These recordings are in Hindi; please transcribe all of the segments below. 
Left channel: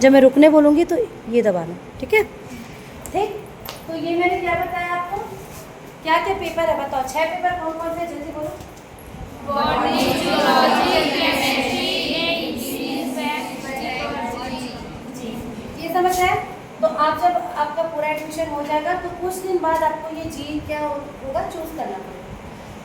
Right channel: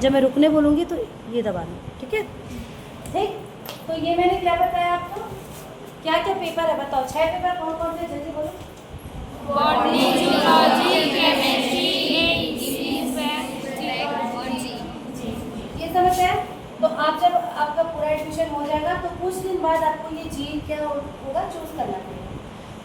जब मैं रुकने बोलूँगी तो ये दबाना, ठीक है? ठीक, तो ये मैंने क्या बताया आपको, क्या क्या पेपर है बताओ, 6 पेपर कौन कौन से, जल्दी बोलो। बॉटनी, जूलॉजी, केमिस्ट्री, ये समझ है। तो आप जब आपका पूरा एडमिशन हो जाएगा तो कुछ दिन बाद आपको ये जी क्या होगा चूज करना पड़ेगा।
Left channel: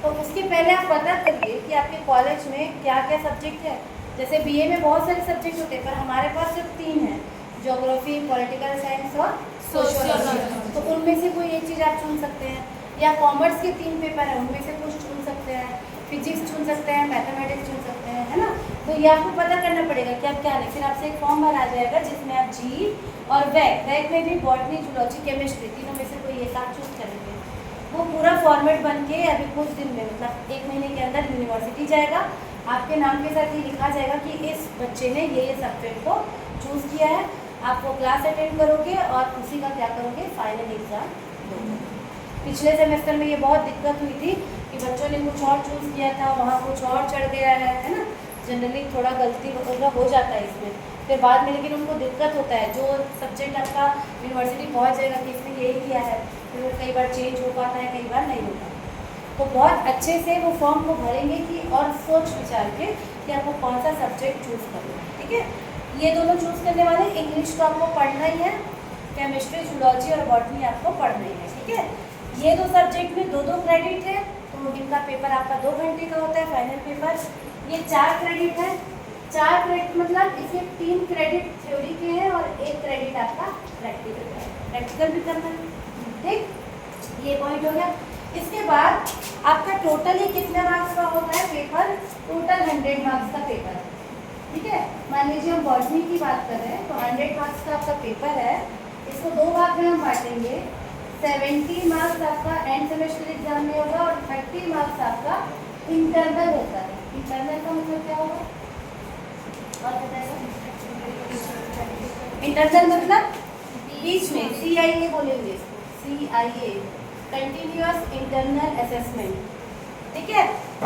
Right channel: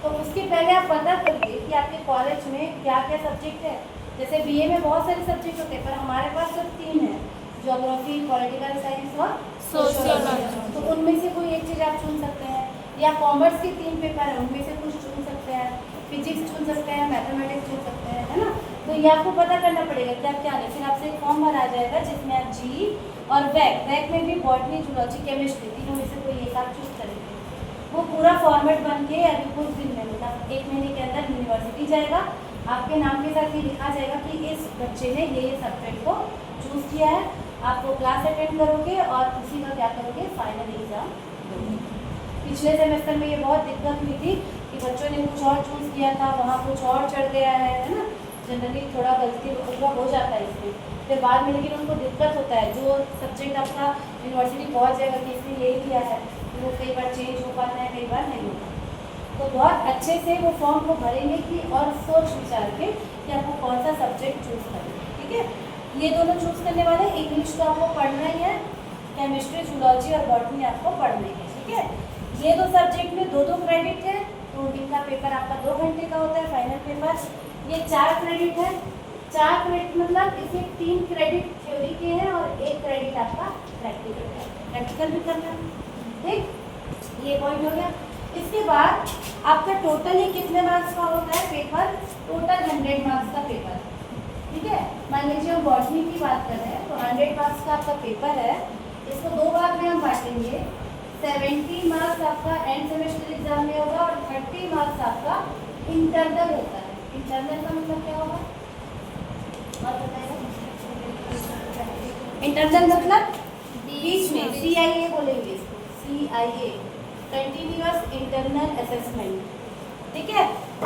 तो उसके पहले आप पता करिए कि आपके कॉलेज में क्या क्या सब्जेक्ट है। जैसे बीए में बहुत सारे सब्जेक्ट होते हैं, पर हमारे पास सिर्फ 3 है, ज्योग्राफी, पॉलिटिकल साइंस और सोशियोलॉजी। तो उनमें से कोई एक चीज़ आप चुन सकते हैं, या कॉमर्स के 3 पेपर हैं उनमें से कुछ चुन सकते हैं, फिजिक्स चुन सकते हैं, मैथमेटिक्स चुन सकते हैं, है ना। तो ये आपको पता करना पड़ेगा कि आप क्या लें। फिर आपसे एक फॉर्म भरा जाएगा जिसमें आप जी और वैक में भी बॉटनी, जूलॉजी, केमिस्ट्री तीनों में से कोई एक आप चूज करेंगे। वो पूरा फॉर्मेट बन के अभी कुछ दिन में, मतलब 1 महीने के अंदर यूनिवर्सिटी जाएगा। आपके नाम के साथ ये लिखा जाएगा कि इस बच्चे ने ये सब्जेक्ट को चूज़ किया है। आप वो क्लास अटेंड करोगे और उसी का क्या करोगे, फाइनल एग्जाम दोगे। पिछले सेमेस्टर में ये बहुत दिक्कत हुई थी कि बच्चों ने कुछ और चूज़ किया था, वहाँ कुछ और चढ़ गया है ना। जनरली थोड़ा गलती हो जाता है इसमें, फिर बाद में लेकिन उनको दिक्कत होता है। जो सब्जेक्ट आपका यूनिवर्सिटी पहुँच जाएगा कि इसने यही लिया है, फिर वो कई बार चेंज हो पाता है, कई बार नहीं होता। तो बहुत अच्छे से वो फॉर्म को भरेंगे कि और सोच विचार के कि आपको कौन सा सब्जेक्ट चूज़ करना है, ठीक है। ये दोनों चूज़ करने वाले, इंग्लिश तो आपको पढ़ना ही है, केमिस्ट्री, जूलॉजी और बॉटनी आपको पढ़ना ही है, ठीक है। ये 2 सब्जेक्ट में 2-2 क्रेडिट है, तो इनका पेपर आपका 2 घंटे का होता है फाइनल पेपर। ये 4 क्रेडिट है, 4 क्रेडिट मतलब इसमें 3 क्रेडिट थ्योरी के हैं और 1 क्रेडिट आपका प्रैक्टिकल है, प्रैक्टिकल भी करना है, ठीक। ये पॉइंट हो गया। इसके बाद आपका टोटल ये कितने मार्क्स का होता है पेपर, टोटल 100 मार्क्स का पेपर है, ठीक है। मान लीजिए हम बॉटनी की बात कर रहे हैं तो 100 मार्क्स का आपका पेपर है। इसको 2 भाग में हम बांटेंगे, 70 मार्क्स आपका एंड सेमेस्टर एग्जाम में होगा और 30 मार्क्स आपका इंटरनल होता है। इंटरनल का मतलब क्या होगा और बताएगा, इंटरनल मतलब बीच में, CIA बोलेंगे इसको, CIA कंटिन्यूअस इंटरनल असेसमेंट, ठीक है।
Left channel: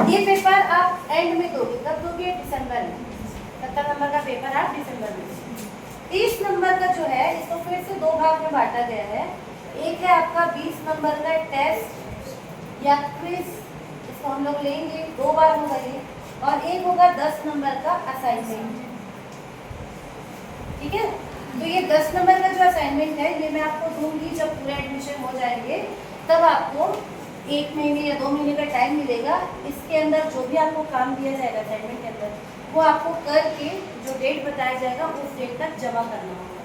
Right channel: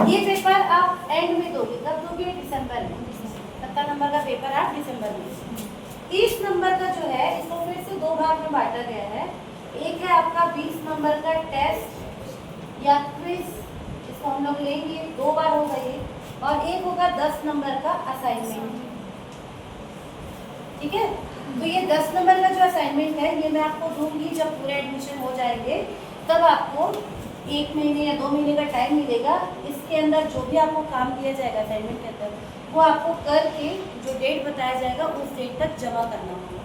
ये पेपर आप एंड में दोगे, कब दोगे, दिसंबर में। 70 नंबर का पेपर आप दिसंबर में। 30 नंबर का जो है इसको फिर से 2 भाग में बांटा गया है। एक है आपका 20 नंबर का टेस्ट या क्विज, इसको हम लोग लेंगे, 2 बार होगा ये, और एक होगा 10 नंबर का असाइनमेंट, ठीक है। तो ये 10 नंबर का जो असाइनमेंट है ये मैं आपको दूंगी जब पूरे एडमिशन हो जाएंगे, तब आपको 1 महीने या 2 महीने का टाइम मिलेगा। इसके अंदर जो भी आपको काम दिया जाएगा असाइनमेंट के अंदर, वो आपको करके जो डेट बताया जाएगा उस डेट तक जमा करना होगा,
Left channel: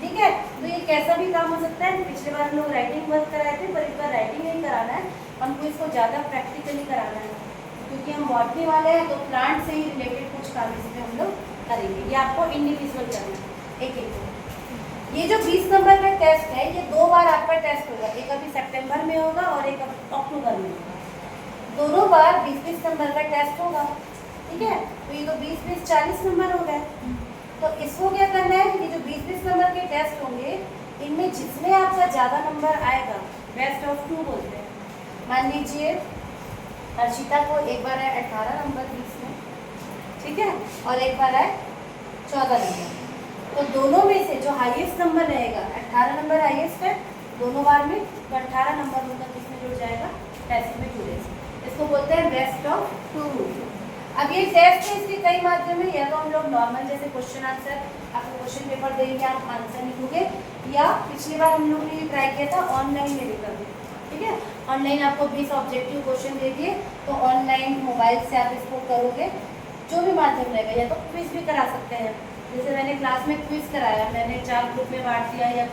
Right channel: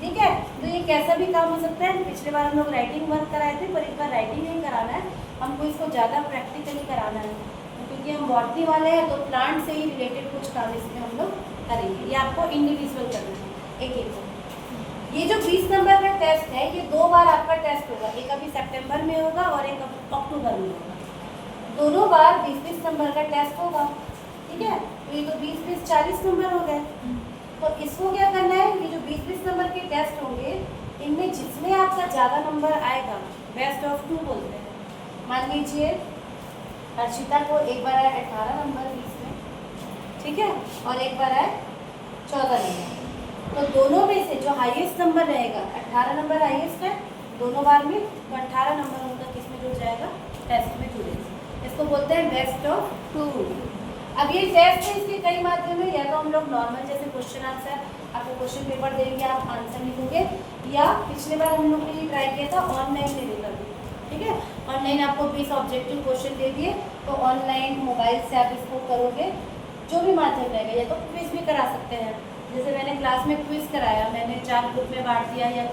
ठीक है। तो ये कैसा भी काम हो सकता है। पिछले बार हम लोग राइटिंग वर्क कराए थे, पर इस बार राइटिंग नहीं कराना है, हमको इसको ज़्यादा प्रैक्टिकली कराना है, क्योंकि हम बॉटनी वाले हैं तो प्लांट से ही रिलेटेड कुछ काम इसमें हम लोग करेंगे। ये आपको इंडिविजुअल करना है, एक को। ये जो 20 नंबर का टेस्ट है ये 2 बार आपका टेस्ट होगा, एक अभी सितंबर में होगा और एक अक्टूबर में होगा। दोनों बार 20-20 नंबर का टेस्ट होगा, ठीक है। तो ये तो 20-20 40 नंबर हो गए। तो इसको क्या करना है, ये जो 20-20 नंबर के टेस्ट होंगे इनमें जिसमें आपका ज़्यादा नंबर आएगा, बेस्ट ऑफ 2 बोलते हैं। मान लीजिए हर्षिता को एक बार आए 18 नंबर 20 में, ठीक है, और एक बार आए 14 नंबर। तो दोनों में से जो हाईएस्ट नंबर रहेगा, 18 नंबर हाईएस्ट है दोनों बार में, तो 18 नंबर उनका किसमें जुड़ जाएगा, टेस्ट में जुड़ेगा। इसको बोलते हैं बेस्ट ऑफ 2। अब ये टेस्ट है, इसके कई माध्यम है, या तो हम लोग नॉर्मल जैसे क्वेश्चन आंसर, आपको क्वेश्चन पेपर देंगे, आप आंसर लिखोगे, या पिछले बार हम लोगों ने ये ट्राई किया था ऑनलाइन में लिखोगे, ठीक है। ऑनलाइन आपको 20 ऑब्जेक्टिव क्वेश्चन दे दिए, तो ऑनलाइन मोबाइल से आप इसको करोगे, जो भी माध्यम रहेगा। या तो क्विज भी करा सकते हैं, जैसे मैंने क्लास में क्विज कराया, मैंने 4 ग्रुप में बांट दिया, या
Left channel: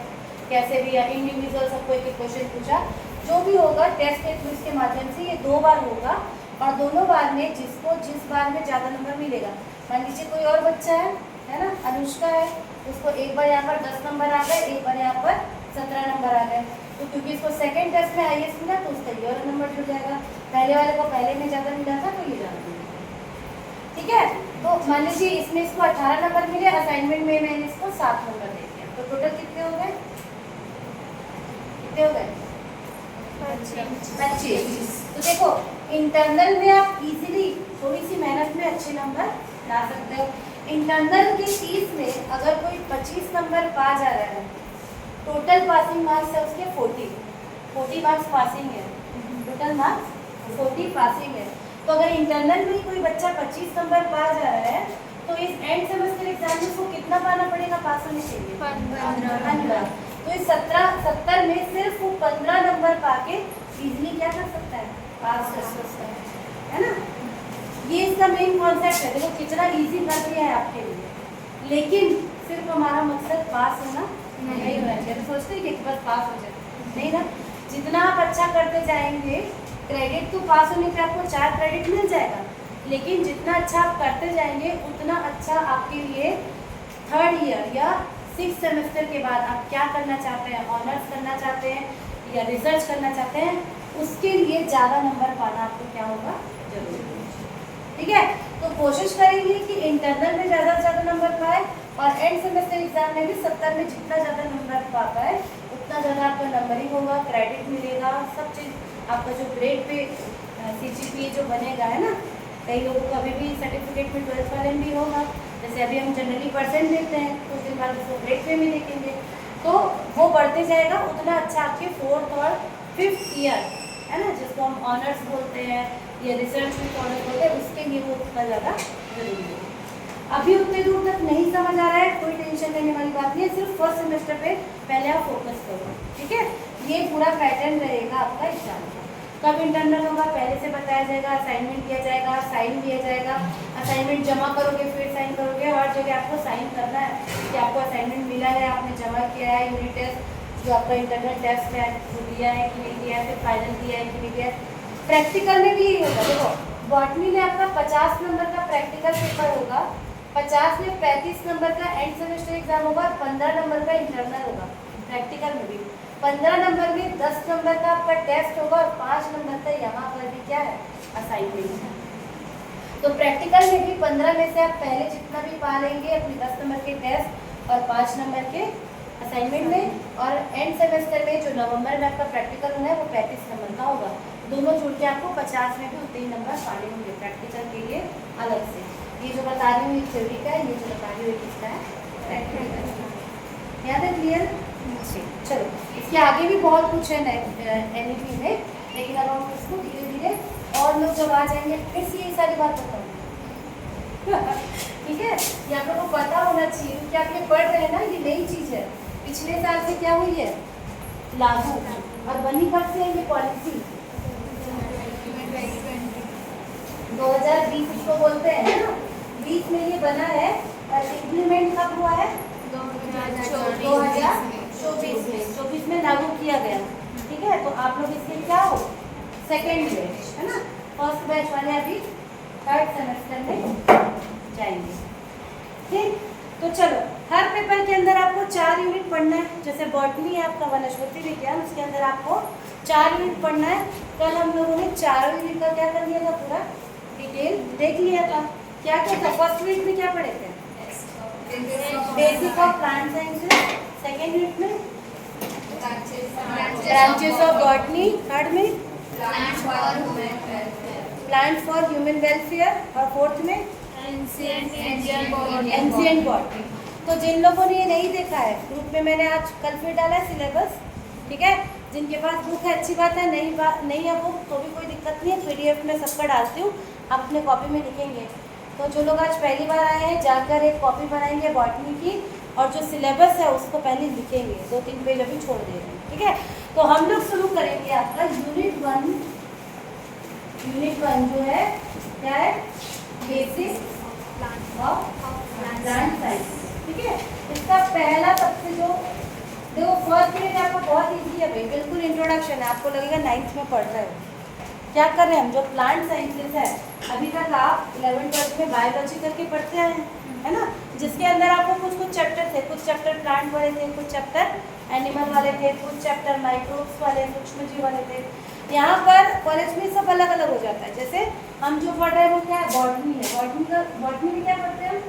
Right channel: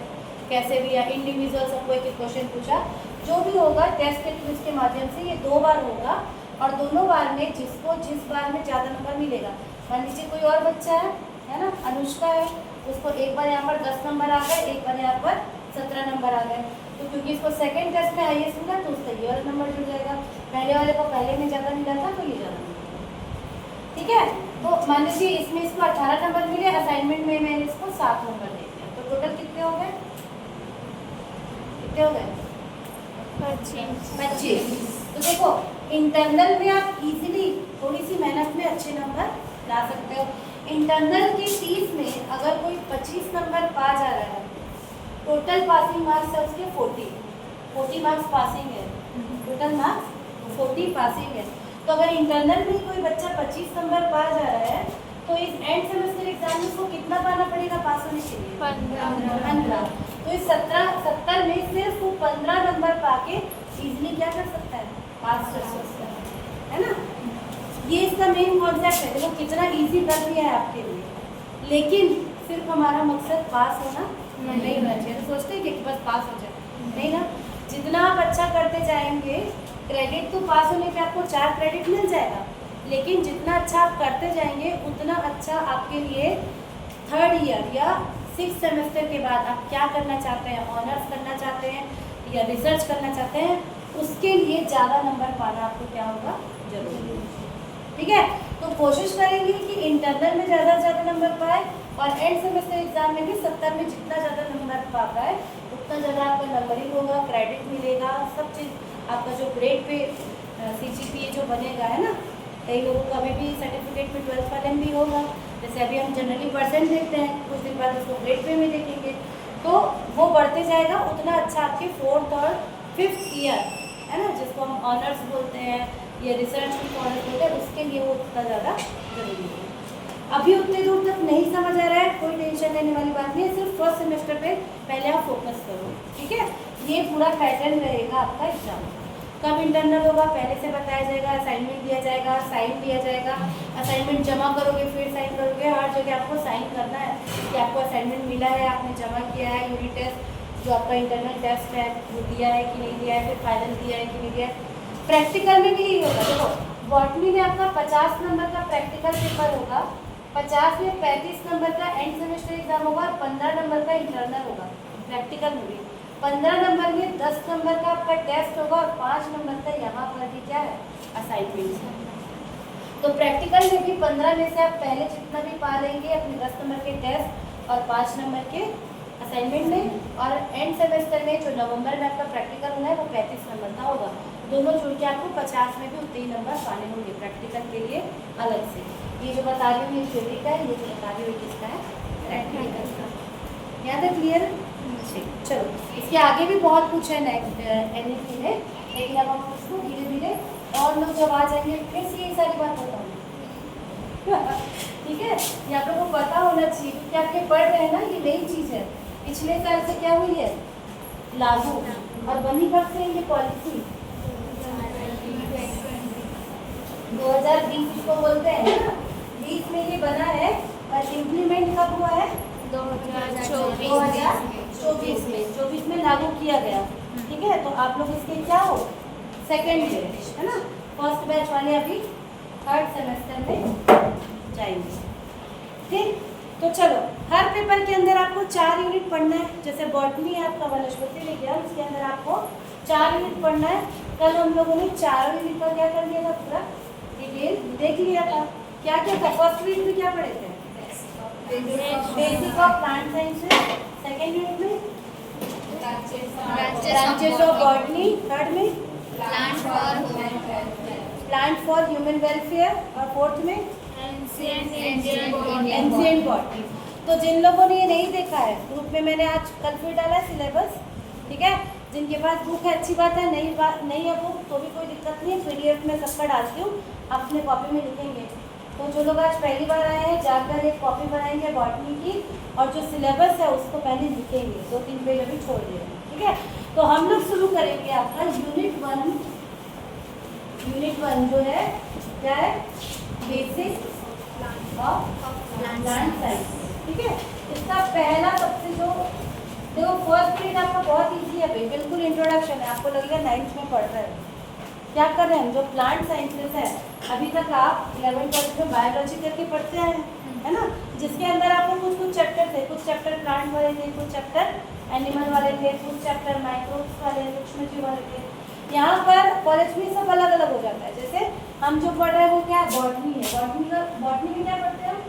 कैसे भी, या इंडिविजुअल सबको एक क्वेश्चन पूछा, जो भी होगा टेस्ट के क्विज के माध्यम से ये 2 बार होगा। और दोनों बार में जिसको जिस बार में ज़्यादा नंबर मिलेगा, मान लीजिए कोई और बच्चा है ना, अनुष्का है, उसको एक बार यहाँ पर 10 नंबर आ गए, एक बार यहाँ पर 17 नंबर आ गए, तो क्योंकि इसको सेकंड टेस्ट में हाईएस्ट मिला तो उसका ये और नंबर जुड़ जाएगा। पहले वाले को पहले में ज़्यादा मिला था तो ये ज़्यादा मिलेगा, ठीक है। तो मान लीजिए इसमें इसको 18 नंबर मिले, असाइनमेंट में मैंने इसको 7 नंबर दे दिया, तो टोटल कितने हो गए, कितने हो गए, 25। तो देखो इंटरनल में आप इजीली थोड़ी सी मेहनत में अच्छे नंबर ला सकते हो। इंटरनल के 30 में अगर कोई 25 नंबर पा जा रहा है, टोटल पासिंग मार्क्स है उसके 40 मार्क्स पासिंग है, टोटल मार्क्स 40 पासिंग है। तो अगर इंटरनल में कोई बच्चा 25 नंबर पा जा रहा है तो इस एंड सेमेस्टर एग्जाम में उसको कितना पाना पड़ेगा पास होने के लिए? 15। तो इस 70 में सिर्फ वो 15 नंबर पाके इजीली क्या कर सकता है? पास कर सकता है ना। ये इसका मेन कॉन्सेप्ट है। देखो कितना इजी कर दिया है आपके लिए, लेकिन सिर्फ हमारा मकसद पास होना नहीं होना चाहिए। तो सोचते हैं कि बस पास हो जाए, नहीं ना। जितना आप अच्छा करते जाएंगे, क्रेडिट तो पास होने के आपको 4 क्रेडिट मिल जाएगा, लेकिन जितना अच्छा आप करते जाएंगे उतना अच्छा आपके लिए 3rd ईयर या 6th सेमेस्टर के बाद आप क्या करना चाहते हैं, ऑनर्स करना चाहते हैं या रिसर्च करना चाहते हैं, उसके लिए ज़्यादा नंबर पाना आपको क्या होगा? जरूरी है। ठीक है, तो कोशिश करेंगे कि इंटरनल में ज़्यादा से ज़्यादा नंबर पाए और एंड सेमेस्टर एग्जाम में भी 70 में जितना ज़्यादा नंबर पा पाए उतना ज़्यादा आपका नंबरिंग होगा, क्रेडिट मिलेगा, सब चीज़ आपका जो ग्रेड पे CGPA जो बनेगा, है ना। कई लोगों को अभी भी सर्टिफिकेट में 12th वाले में भी होगा, जैसे अभी हम जनरली परसेंट देखते हैं, कुछ दिन बाद उसको ग्रेड पे में देखेंगे, तो वो बढ़ते जाएगा। उतना अच्छा आपके 4th और 5th ईयर, है ना, जिसको हम ऑनर्स बोलते हैं या रिसर्च में ऑनर्स बोलते हैं, उसके लिए वो उतना ज़्यादा जरूरी है। अभी उतने दूर तक नहीं समझ आ रहा है, कोई टेंशन लेने वाली बात नहीं है, सिर्फ फर्स्ट सेमेस्टर पे पहले आप फोकस करो। ठीक है, ये पूरा पैटर्न रहेगा आपका एग्जाम। कब इंटरनल होगा पहले से बताया जाएगा, असाइनमेंट दिया जाएगा, साइन दिया जाएगा, असाइनमेंट जमा करोगे फिर साइन करोगे, हर जगह आपको साइन करना है कि आपको असाइनमेंट मिला है, आपने जमा किया है, यूनिट टेस्ट जो आपका इंटरनल टेस्ट है वो दिया है कि नहीं दिया है, फिर फाइनल दिया है कि नहीं दिया है। प्रैक्टिकल में भी यही होगा। देखो बॉटनी में आपका 50 नंबर का प्रैक्टिकल पेपर होगा, 50 में 35 नंबर का एंड सेमेस्टर एग्जाम होगा, 15 नंबर का इंटरनल होगा। प्रैक्टिकल में भी 15 नंबर में 10 नंबर का आपका टेस्ट होगा और 5 नंबर का यहाँ पर भी क्या है? असाइनमेंट है। तो प्रैक्टिकल में भी 15 में से आप पहले जितना भी पा लेंगे अपने 10 नंबर के टेस्ट और 5 नंबर के असाइनमेंट में, और एंड सेमेस्टर में जो नवंबर में आपका प्रैक्टिकल होना है वो 35 नंबर का होगा। दोनों जुड़ के आपको 50 में भी उतने ही नंबर पाने होंगे प्रैक्टिकल के लिए अलग से। ये जो बता रही हूँ ये थ्योरी का है, ये जो बता रही हूँ किसका है? प्रैक्टिकल का। याद है? क्लियर? चलो, इसके आगे भी बहुत कुछ है NEP में, लेकिन अब हम उसको धीरे धीरे और लोग जब आ जाएंगे फिर से ये सारी बात बताएंगे। ठीक है, ये आप लोगों को पता होना चाहिए क्योंकि आप ये पढ़ रहे हैं ना, ये नई चीज़ है। पिछले साल से क्या हुई है? लागू। और बनी कब से ये पॉलिसी? 2020 इसको बोलते हैं ना, 20 में ये बना है और इम्प्लीमेंट कब हुआ है? 2024 में लागू किया गया। ठीक है, तो आप लोग इसके क्या हो? सेकेंड बैच, है ना। फर्स्ट बैच वाले अभी 3rd सेमेस्टर में जाएंगे। ठीक, तो चलो हर पेपर के अंदर आपको 4 यूनिट पढ़ना है। जैसे बॉटनी है आपका वनस्पति विज्ञान, उसके अंदर आपको 4 यूनिट पढ़ना है। कल हम लोगों ने 4 यूनिट का क्या कर लिया था? पूरा डिटेल देख लिया था। क्या क्या था? फर्स्ट यूनिट में क्या पढ़े थे? Basic of plant sciences. Second unit में ब्रांचेस ऑफ बॉटनी। थर्ड में प्लांट फॉर ह्यूमन वेलफेयर और फोर्थ में एंशिएंट बॉटनी। तो जिन लोगों ने ये नहीं देखा है, ग्रुप में मैंने आज कल फिर डाला है सिलेबस। ठीक है, जिनके पास बुक है अच्छी बात है, नहीं है बुक तो भी कोई दिक्कत नहीं है, PDF में सबका डालती हूँ, आप अपने कॉपी में लिखेंगे। तो जो लोग आज पहली बार आए हैं जाकर एक कॉपी बनाएंगे बॉटनी की और जो सिलेबस है उसको पहले लिखेंगे, 2-3 पेज अभी छोड़ दे रहे हैं। ठीक है, तो हम लोग शुरू करेंगे आपका यूनिट 1 जो है क्या है? Basic of plant science. ठीक है, इसका पहला सबसे जो देखो फर्स्ट पीरियड आपका बहुत ईजी है भाई, बिल्कुल इंट्रोडक्शन है। आपको लगेगा 9th में पढ़ रहे हो। क्या कर रहे हैं हम? जो प्लांट साइंसेस है अभी तक आप 11th में बायोलॉजी करके पढ़ते आए हैं, है ना, जिसके अंदर आपको कुछ चैप्टर थे, कुछ चैप्टर प्लांट वाले थे, कुछ चैप्टर एनिमल वाले थे, कुछ चैप्टर माइक्रोब्स वाले, सूक्ष्मजीव वाले थे। यहाँ पर कॉलेज में सब अलग अलग हो जाता है। जैसे हम जो पढ़ रहे हैं वो क्या है? बॉटनी है। बॉटनी में क्या पढ़ते हैं हम?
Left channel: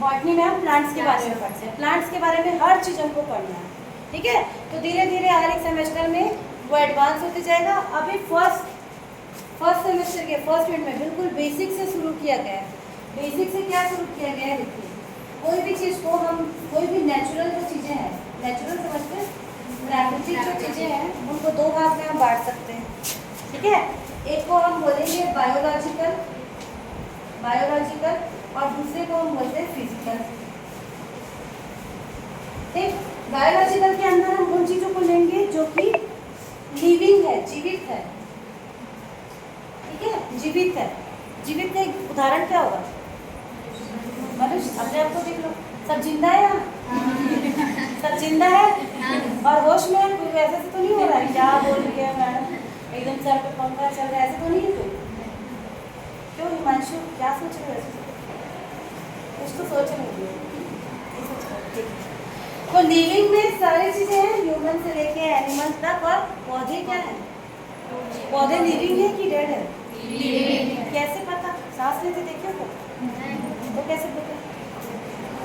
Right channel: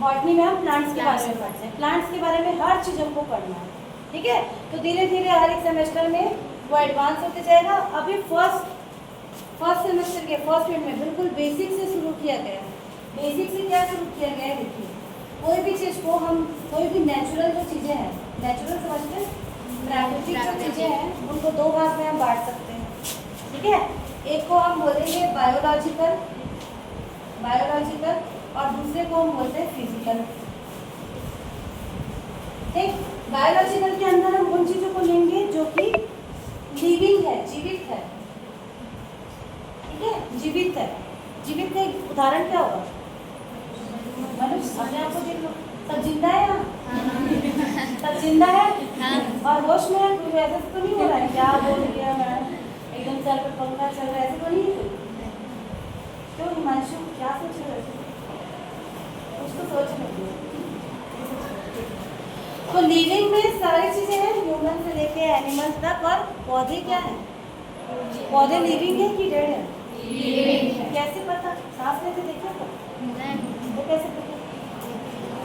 बॉटनी में हम प्लांट्स के बारे में पढ़ते हैं। प्लांट्स के बारे में हर चीज़ हमको पढ़ना है। ठीक है, तो धीरे धीरे हर एक सेमेस्टर में वो एडवांस होते जाएगा। अभी फर्स्ट सेमेस्टर के फर्स्ट मिनट में बिल्कुल बेसिक से शुरू किया गया है। बेसिक से क्या शुरू किया गया है? देखिए, कोई चीज़ को हम कोई भी नेचुरल जो चीज़ें हैं, नेचुरल समझते हैं, प्राकृतिक जो चीज़ें हैं उनको दो भाग में हम बांट सकते हैं, ठीक है। एक को हम बोलेंगे बायोलॉजिकल, और दूसरे को हम बोलते हैं फिजिकल। ठीक, बायोलॉजिकल के अंदर हम उन चीज़ों को लेंगे जो कि लिविंग है, जीवित है, ठीक है, जीवित है। जीवित का एक उदाहरण क्या होगा? मनुष्य, अपने आप को देख लो, सब जिंदा है यहाँ? सब जिंदा है और होश में है? कोई ऐसा तो नहीं हो रहा है क्या बोल गया मैं एकदम सर पे पंखा चल रहा है, ऐसे तो नहीं है? क्यों हिमांशु, क्या सोच रहे हो? कुछ तो सोच रहे हो। तो लिविंग में सारी चीजें हैं, ह्यूमन से लेके एनिमल तक। और पौधे क्या है? पौधे लिविंग है कि डेड है? लिविंग। कैसे पता? सांस लेते देखिए तो कैसे पता?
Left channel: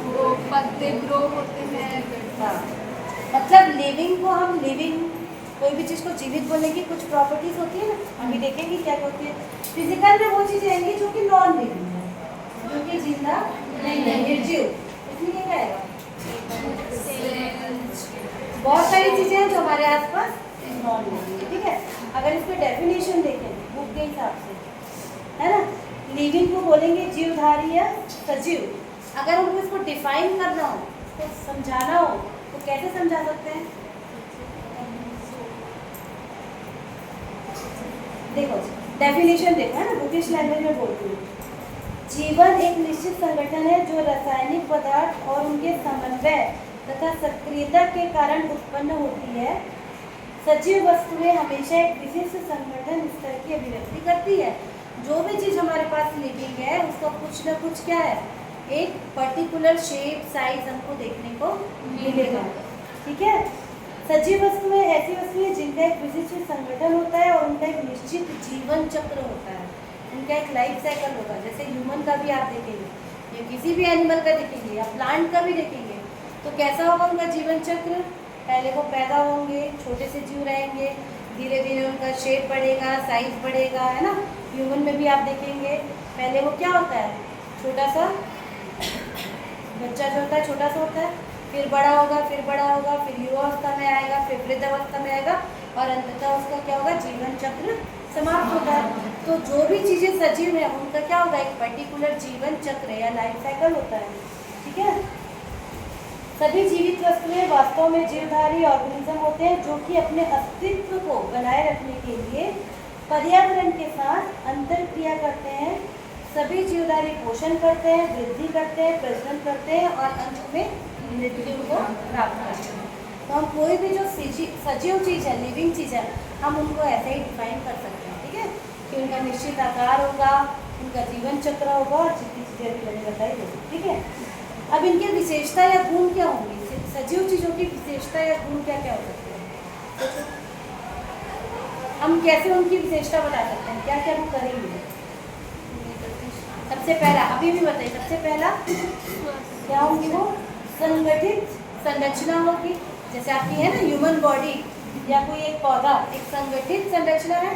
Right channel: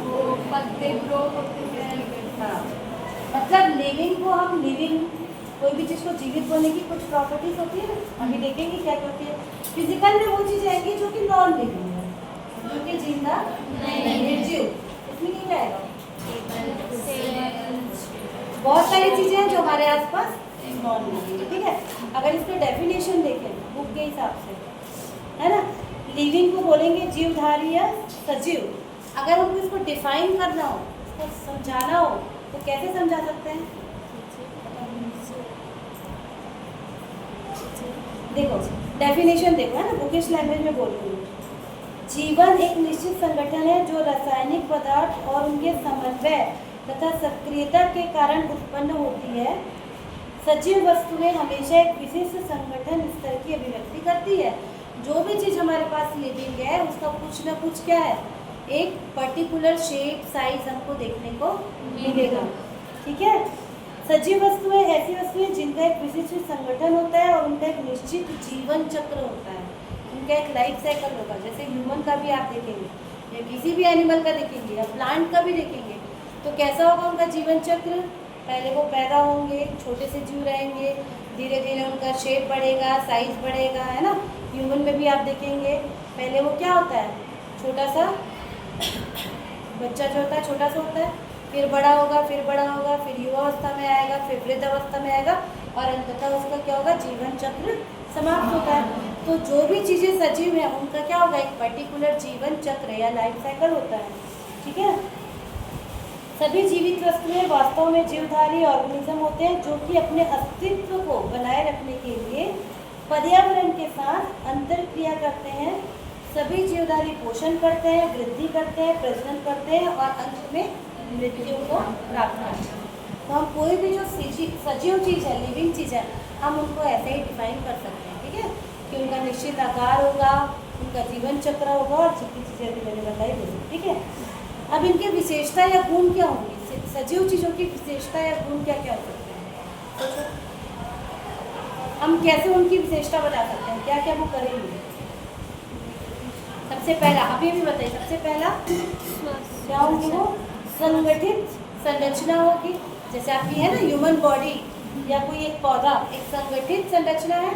वो पत्ते ग्रो होते हैं। हाँ, मतलब लिविंग को हम लिविंग, कोई भी चीज़ को जीवित बोलने की कुछ प्रॉपर्टीज होती है ना, अभी देखेंगे क्या होती है। फिजिकल में वो चीज़ें आएंगी जो कि नॉन लिविंग है, जो कि जिंदा नहीं, निर्जीव। इसमें क्या आएगा? बहुत सारी चीजें हैं जो हमारे आसपास नॉन लिविंग है, ठीक है। अगर इसकी डेफिनेशन देखें बुक के हिसाब से, है ना, लिविंग को बोलेंगे जीवधारी या सजीव। अगर हमको इसको डिफाइन करना हो, इसको समझाना हो, तो कैसे समझा सकते हैं? देखो डेफिनेशन देखो, है ना, बुकिश लैंग्वेज में बोलती हूँ। जीवन एक निश्चित संगठन है जो रासायनिक पदार्थ और उनके समन्वय तथा सक्रियता के कारण उत्पन्न होती है। सजीव वस्तुएं हमेशा एक विशिष्ट संगठन स्तर की अभिव्यक्ति करती है। जो भी चीज़ हमारे पास लिविंग है उसका कुछ ना कुछ क्या है, एक पर्टिकुलर शेप साइज हमको देखने को मिलेगा, ठीक है। सजीव वस्तुएं ऐसी वस्तुएं जिनका एक विशिष्ट संगठन होता है और उनका एक निश्चित जीवन चक्र होता है, उनका एक लाइफ साइकिल होगा। जैसे ह्यूमन का भी आप देखेंगे, ये किसी भी एनिमल का देखेंगे या प्लांट का भी देखेंगे, तो कैसा होगा उनका जीवन चक्र? पहले वो पैदा होंगे, छोटे से जीव रहेंगे, धीरे धीरे उनका शेप बढ़ेगा, साइज बढ़ेगा, है ना। ह्यूमन में भी आप देखेंगे पहले वो क्या होता है, छोटा सा बच्चा जो होता है छोटा सा होता है, फिर बड़ा होगा, फिर बड़ा होगा, फिर युवावस्था में आएगा, फिर वृद्धावस्था में आएगा और अंततः उसका क्या होगा, जीवन चक्र समाप्त होगा। तो जो भी चीज़ें सजीव है उनका क्या होगा, एक पर्टिकुलर जीवन चक्र या लाइफ साइकिल होता है, ठीक है। सभी जीवित वस्तुएं वास्तव में जीवधारी ऑर्गेनिज्म होते हैं जो कि अपने अस्तित्व को बनाए रखने के लिए पर्यावरण के साथ अंतरक्रिया करते हैं। सभी जीवधारी पोषण करते हैं, वृद्धि करते हैं, प्रजनन करते हैं और अंत में मृत्यु को प्राप्त करते हैं। तो हम कोई भी जो सजीव चीज़ है, लिविंग चीज़ है, हम उनको ऐसे ही डिफाइन कर सकते हैं, ठीक है। कि उनका निश्चित आकार होगा, उनका जीवन चक्र होगा और जितनी चीज़ें अभी मैंने बताई होगी, ठीक है। अब इनकी विशेषता या गुण क्या होंगी? सजीव चीज़ों की विशेषता या गुण क्या क्या हो सकते हैं? तो हम कैसे उनकी विशेषता बता सकते हैं, क्या क्या वो करेंगे? सबसे पहला अभी भी बताइए, सबसे पहला क्या होंगी? वो संगठित संरचना होगी, जैसे आपकी है ना ह्यूमन बॉडी या कोई एक पौधा, एक संगठित संरचना है,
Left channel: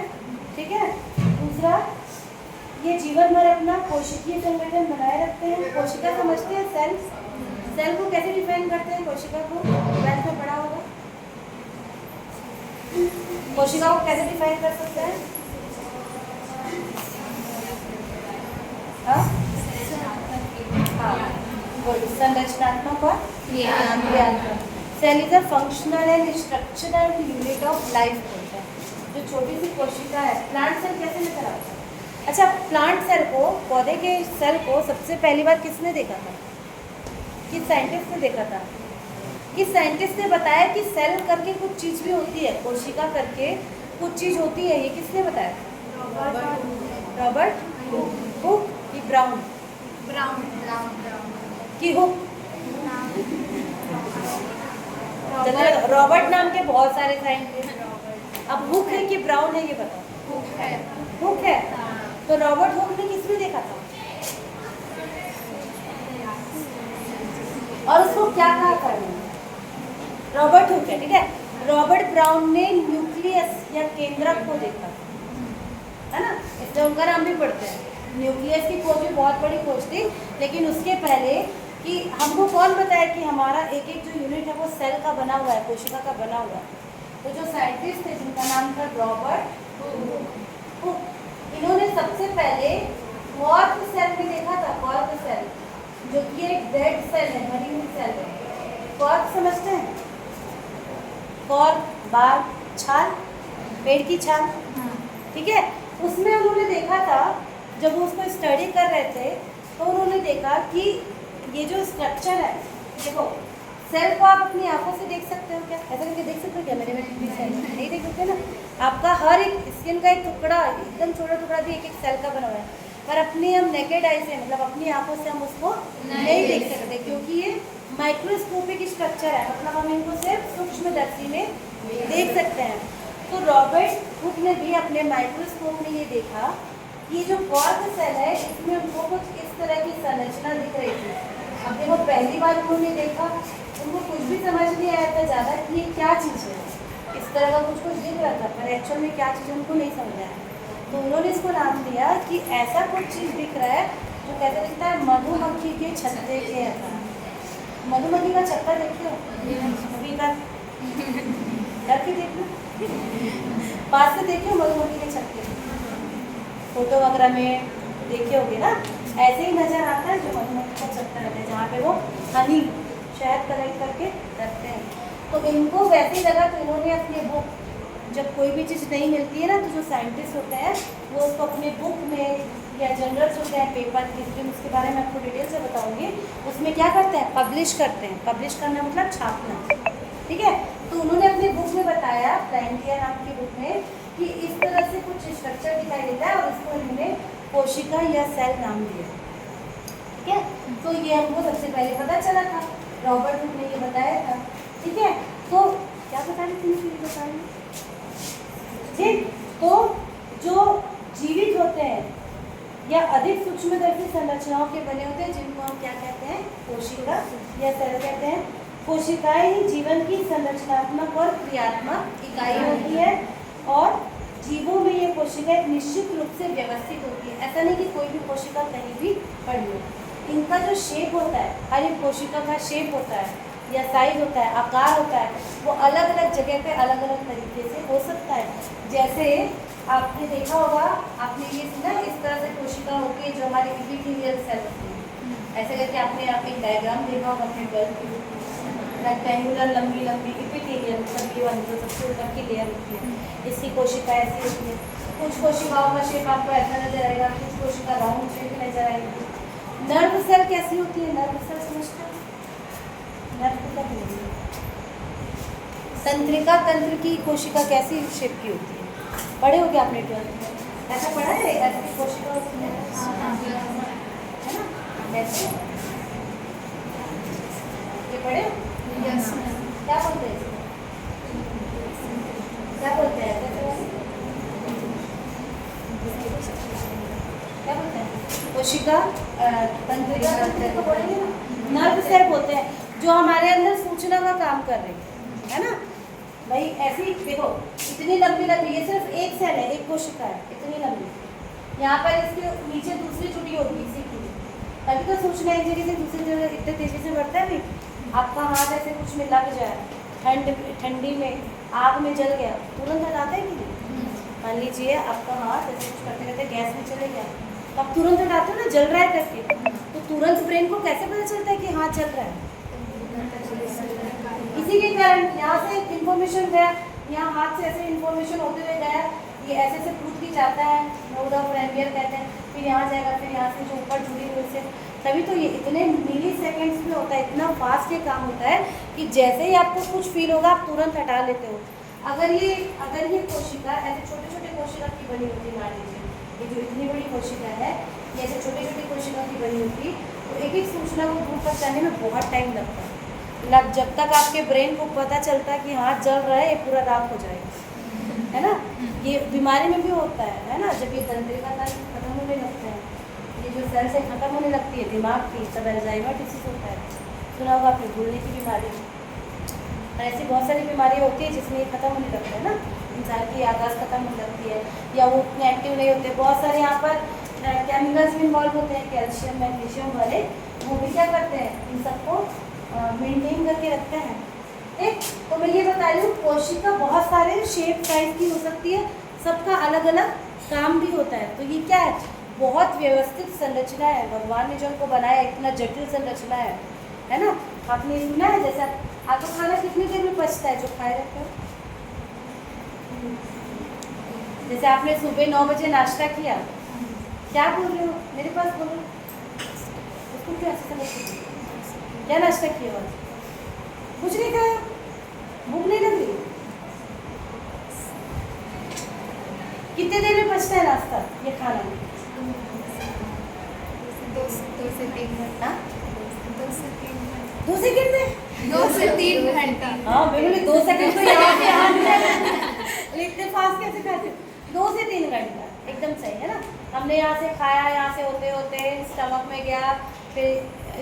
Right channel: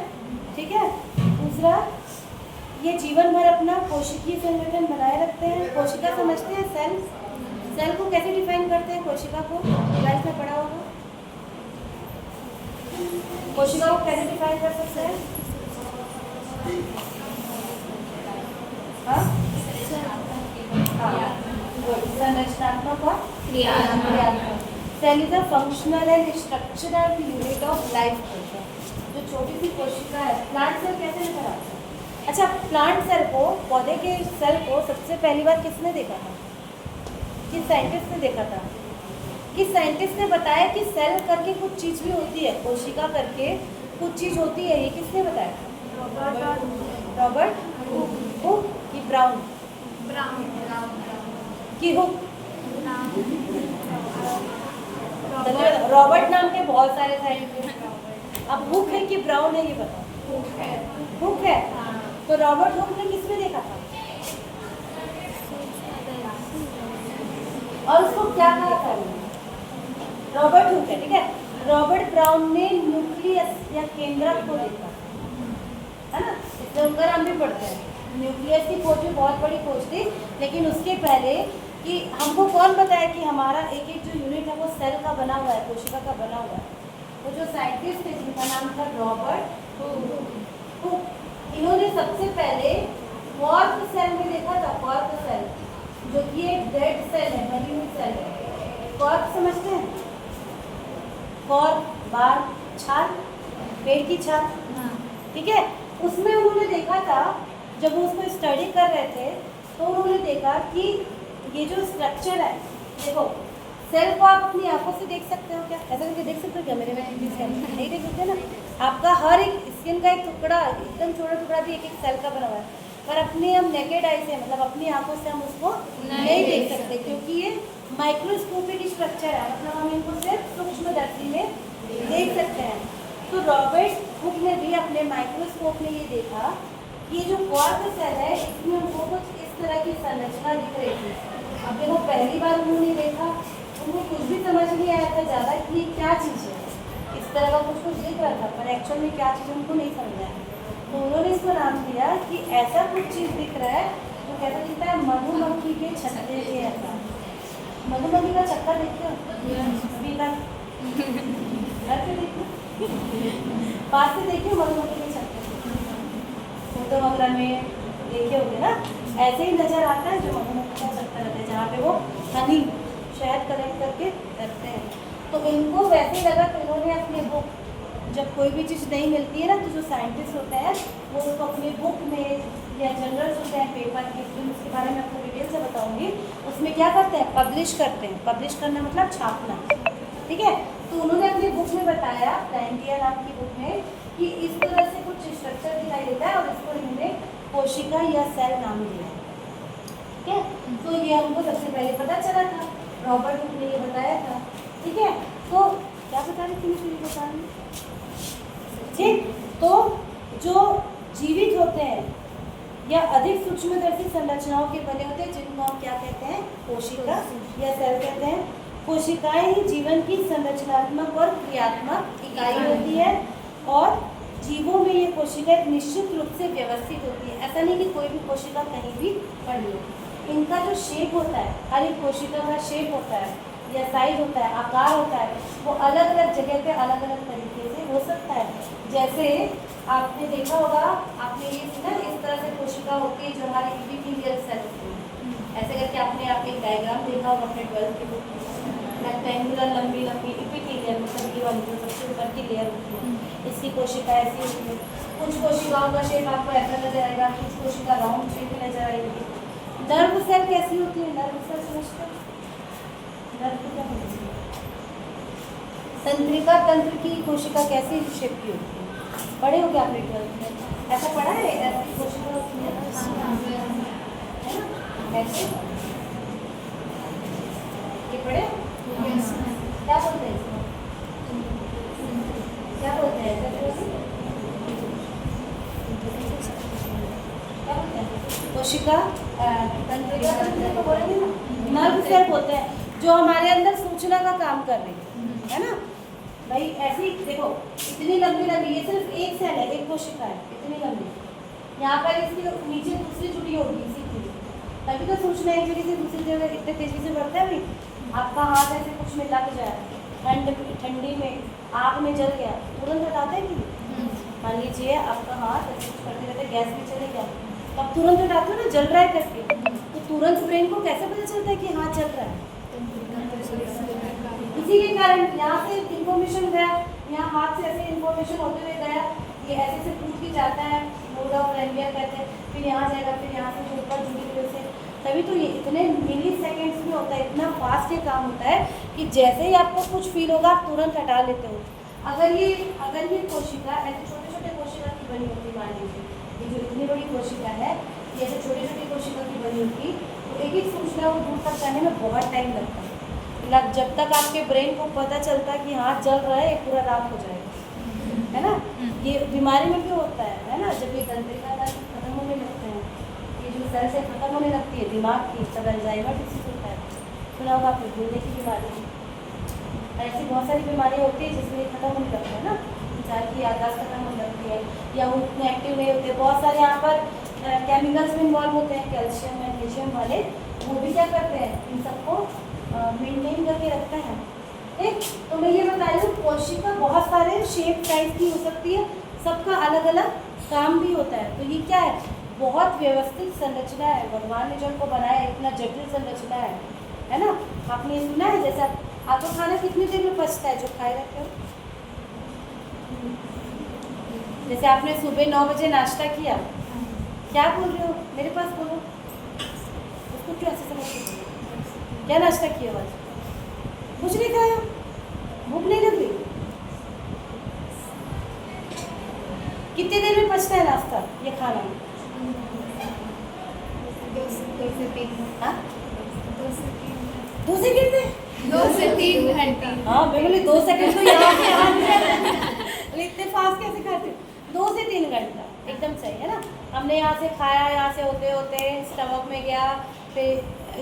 ठीक है। दूसरा, ये जीवन भर अपना कोशिकीय संगठन बनाए रखते हैं। कोशिका समझते हैं, सेल, सेल को कैसे डिफाइन करते हैं? कोशिका को ट्वेल्थ में पढ़ा होगा। कोशिका को कैसे डिफाइन कर सकते हैं? संरचनात्मक और क्रियात्मक। Cell is a functional and structural unit of life होता है। जो छोटी सी कोशिका है, प्लांट सेल कैसे नजर आता है? अच्छा, प्लांट सेल को, पौधे के सेल को सबसे पहली बार किसने देखा था? किस साइंटिस्ट ने देखा था? किस साइंटिस्ट ने बताया कि सेल करके कुछ चीज़ भी होती है, कोशिका करके कुछ चीज़ होती है, ये किसने बताया? रॉबर्ट हुक की ब्राउन की हुक। रॉबर्ट नाम के बहुत सारे साइंटिस्ट, अब हुक है कि ब्राउन है ये बताओ? हुक है। तो रॉबर्ट हुक ने किसमें देखा था और उसको क्या कहा था? रॉबर्ट हुक है, ठीक है। रॉबर्ट ब्राउन ने न्यूक्लियस या केंद्रक को देखा, है ना, इसलिए उनका नाम भी पढ़ते हैं। न्यूक्लियस की खोज भी बहुत बड़ी खोज थी, लेकिन उसके पहले कि हमको कौन बताया कि हमारा एक एक जो यूनिट है वो सेल का बना हुआ है, कोशिका का बना हुआ है। तो जो साइंटिस्ट थे जिनका नाम था रॉबर्ट हुक, इन्होंने सबसे पहले कॉर्क सेल में देखा था। कॉर्क सेल जो कि एक डेड सेल है, मरी हुई सेल है। कॉर्क समझते हैं? कॉर्क, बाल, छाल, पेड़ की छाल, ठीक है। उसमें उन्होंने देखा था, जब वो उसको स्टडी कर रहे थे तो उन्होंने देखा कि ये जो स्ट्रक्चर है, देखो सेल को आप अपनी आंखों से देख सकते हो क्या? ऐसा करके देख सकते हो क्या? मेरे में भी सेल नहीं देख सकते ना। आपका हर एक स्किन का एक टुकड़ा, एकदम छोटा टुकड़ा भी एक एक सेल का बना हुआ है, पर अपनी हम नेकेड आई से, मतलब अपनी आंखों से हम उसको नहीं देख सकते, क्योंकि ये माइक्रोस्कोपिक स्ट्रक्चर है, मतलब हम इनको सिर्फ सूक्ष्मदर्शी में देख सकते हैं। तो रॉबर्ट हुक ने भी अपने माइक्रोस्कोप में ये देखा कि ये जो कॉर्क सेल है इसमें हमको कुछ इस तरह की संरचना दिख रही थी। अब देखो पहली बार उन्होंने देखा, उनको कुछ भी समझ नहीं आया था ज़्यादा कि ये क्या चीज़ है। इस तरह का कुछ कुछ दिख रहा था, पर एक्चुअल में क्या चीज़ उनको नहीं समझ आया। तो उन्होंने इसको नाम दिया कि ऐसा कुछ चीज़ दिख रहा है तो कैसा दिखता है? मधुमक्खी के छत्ते के ऐसा। मधुमक्खी का छत्ता देखते हो अभी तक? करके देखो, पास से देखिए मधुमक्खी के छत्ते, फोटो वगैरह में देखे होंगे ना, ऐसे ही नज़र आता है जो मधुमक्खी का छत्ता रहता है, जहाँ पे वो हनी, शहद कलेक्ट करके रखते हैं। तो इनको वैसे लगा, तो इन्होंने अपने बुक, जब कोई भी चीज़ नहीं मिलती है ना, तो जो साइंटिस्ट होते हैं वो उसको अपनी बुक में या जर्नल्स होते हैं, पेपर के, फिर उसके बारे में आपको डिटेल से बताऊंगी, उसमें क्या करते हैं? पब्लिश करते हैं। पब्लिश करना मतलब छापना, ठीक है। तो उन्होंने अपनी बुक में बताया, प्लांटिया नाम की बुक में, कि इस तरह से कुछ स्ट्रक्चर दिखाई देता है और इसको इन्होंने कोशिका या सेल नाम दिया, ठीक है। तो ये हमको सबसे पहले पता चला था, रॉबर्ट हुक ने ये बताया था, ठीक है। तो क्या बता रही थी? फिर बता रही, ठीक। तो जो जीवित होते हैं या अधिक सूक्ष्मदर्शी संरचनाओं के बने होते हैं, जिनको हम क्या कहते हैं? कोशिका या सेल कहते हैं। कोशिकाएं ही जीवन की संरचनात्मक और क्रियात्मक इकाई होती है, और जीवों में ये कोशिका एक निश्चित रूप से व्यवस्थित होती है। ऐसा नहीं कि कोई भी कोशिका कहीं भी पड़ी हो। इनका जो शेप होता है, हर एक कोशिका का शेप होता है या साइज होता है, आकार होता है, वो अलग अलग जगह पे अलग अलग तरीके से हो सकता है। जैसे आपने देखा होगा, आपने ये सुना, इस तरह से कोशिका होती है जो हमारी एपिथेलियल सेल होती है। ऐसे करके आपने एक डायग्राम देखा होगा अपने 12th में, रेक्टेंगुलर लंबी लंबी एपिथेलियल, मतलब ये वाली जो सबसे ऊपर की लेयर होती है, इसकी कोशिका ऐसी होती है। कुछ कोशिकाओं का शेप आपको ऐसा नजर आएगा, कुछ कोशिका राउंड शेप में नजर आएगी। नर्व सेल कैसी होती है? नर्व सेल समझते हैं? तंत्रिका तंत्र की कोशिका कैसी शेप की होती है? पढ़े हो क्या आपने 12th में? ऐसा पढ़ा है? ऐसी कोशिका होती है ना, ऐसे ये पढ़े? क्या बोलते हैं इसको? क्या बोलते हैं ऐसे? क्या बोलते हैं? कोशिका तंत्रिका तंत्र को बोलेंगे ना, नर्व सेल बोलते हैं, जो हमारे अंदर सूचना का काम कर रही है ना भाई। ऐसी देखो, इतनी लंबी लंबी, ये सिर्फ एक सेल है, एक कोशिका है, इतनी लंबी। यहाँ पर इसके नीचे दूसरी जुड़ी होगी इसी की, तभी तो सूचना एक जगह से दूसरी जगह इतने तेजी से बढ़ता है भाई। आपका हाथ ऐसे कुछ में लग जाए, ठंडी में आग में जल गया, तुरंत हटाते हैं कि? मान लीजिए आपका हाथ ऐसे कुछ करते रहते गैस में चले गया, तो आप तुरंत हटाते हो ना, जल रहा है करके, तो तुरंत ब्रेन को कैसे पता चलता है कि हाथ जल रहा है? इसी के कारण यहाँ से इन्फॉर्मेशन गया, यहाँ हाथ से ऐसे इन्फॉर्मेशन होते हुए गया, ये ऐसे से पूछ भी जाता है, नोड ऑफ रैनवियर कहते हैं, फिर यहाँ जाएगा, फिर यहाँ से जो ऊपर जुड़ी हुई से, तभी तो ये इतने मिली सेकेंड्स में होता है, इतना फास्ट ये काम होता है कि जैसे ही आपको कुछ फील होगा आप तुरंत हटा लेते हो। अगर ये कोशिका ऐसे छोटे छोटे कोशिका की बनी होती है, मान लीजिए ये जो इतनी बड़ी कोशिका है, जैसे छोटी छोटी कोशिका की बनी होती, तो एक एक सूचना को दूर पहुँचाने में बहुत टाइम लगता है। जब तक आपके ब्रेन को पता चलता है कि हाथ जल रहा है, ये पूरा रात हो जाएगा, है ना। ये बीमारी में भी होता है ना, जब ये तंत्रिका तंत्र खत्म होने लगते हैं, ये जो सेल से खत्म होने लगती है दिमाग की, तब अल्जाइमर डिसीज होता है। सुना होगा आपने भूलने की बीमारी, ऐसी बहुत सारी बीमारी होती है जिसमें ये खत्म होने लगता है ना, इंसान की याददाश्त खत्म होने लगती है, या वो इतने एक्टिव नहीं होते। बहुत सारे यहाँ पर केमिकल्स में इन्वॉल्व होते हैं, कैल्शियम मैग्नीशियम वाले, वो भी क्या करते हैं, इन सबको मेंटेन करके रखते हैं। ठीक, तो मैं ये बता रही हूँ कोशिका बहुत सारे शेप साइज की हो सकती है, सबका अलग अलग काम भी होता है। तो ये क्या है, बहुत व्यवस्थित संरचना है, भगवान ने जो उनको बनाया इतना जटिल संरचना है ना। आपने सुना है जैसे आपको खाना कितनी देर में पचता है जो खाए जाते हैं? जैसे आपने सुबह 9 बजे नाश्ता किया, क्या बोल रहे हो, मेरे पास बोलो, उसको क्या ऐसे समझ, क्या नाश्ता किया आज? कुछ नहीं खाया, भूख नहीं लगी? कितने देर में पचता है नाश्ता, ये खाना? 2 से 3 घंटे। हाँ, 2 से 3 घंटे। 2 सेकंड में? 2 से 3 घंटे। हाँ बिल्कुल, 2 सेकंड तो यहाँ से यहाँ भी है। इतने फास्ट कैसे खाते हो? 2 से 3 घंटा, एकदम सही है ना। हमने यहाँ से खाया, यहाँ से होते होते स्टमक में गया, फिर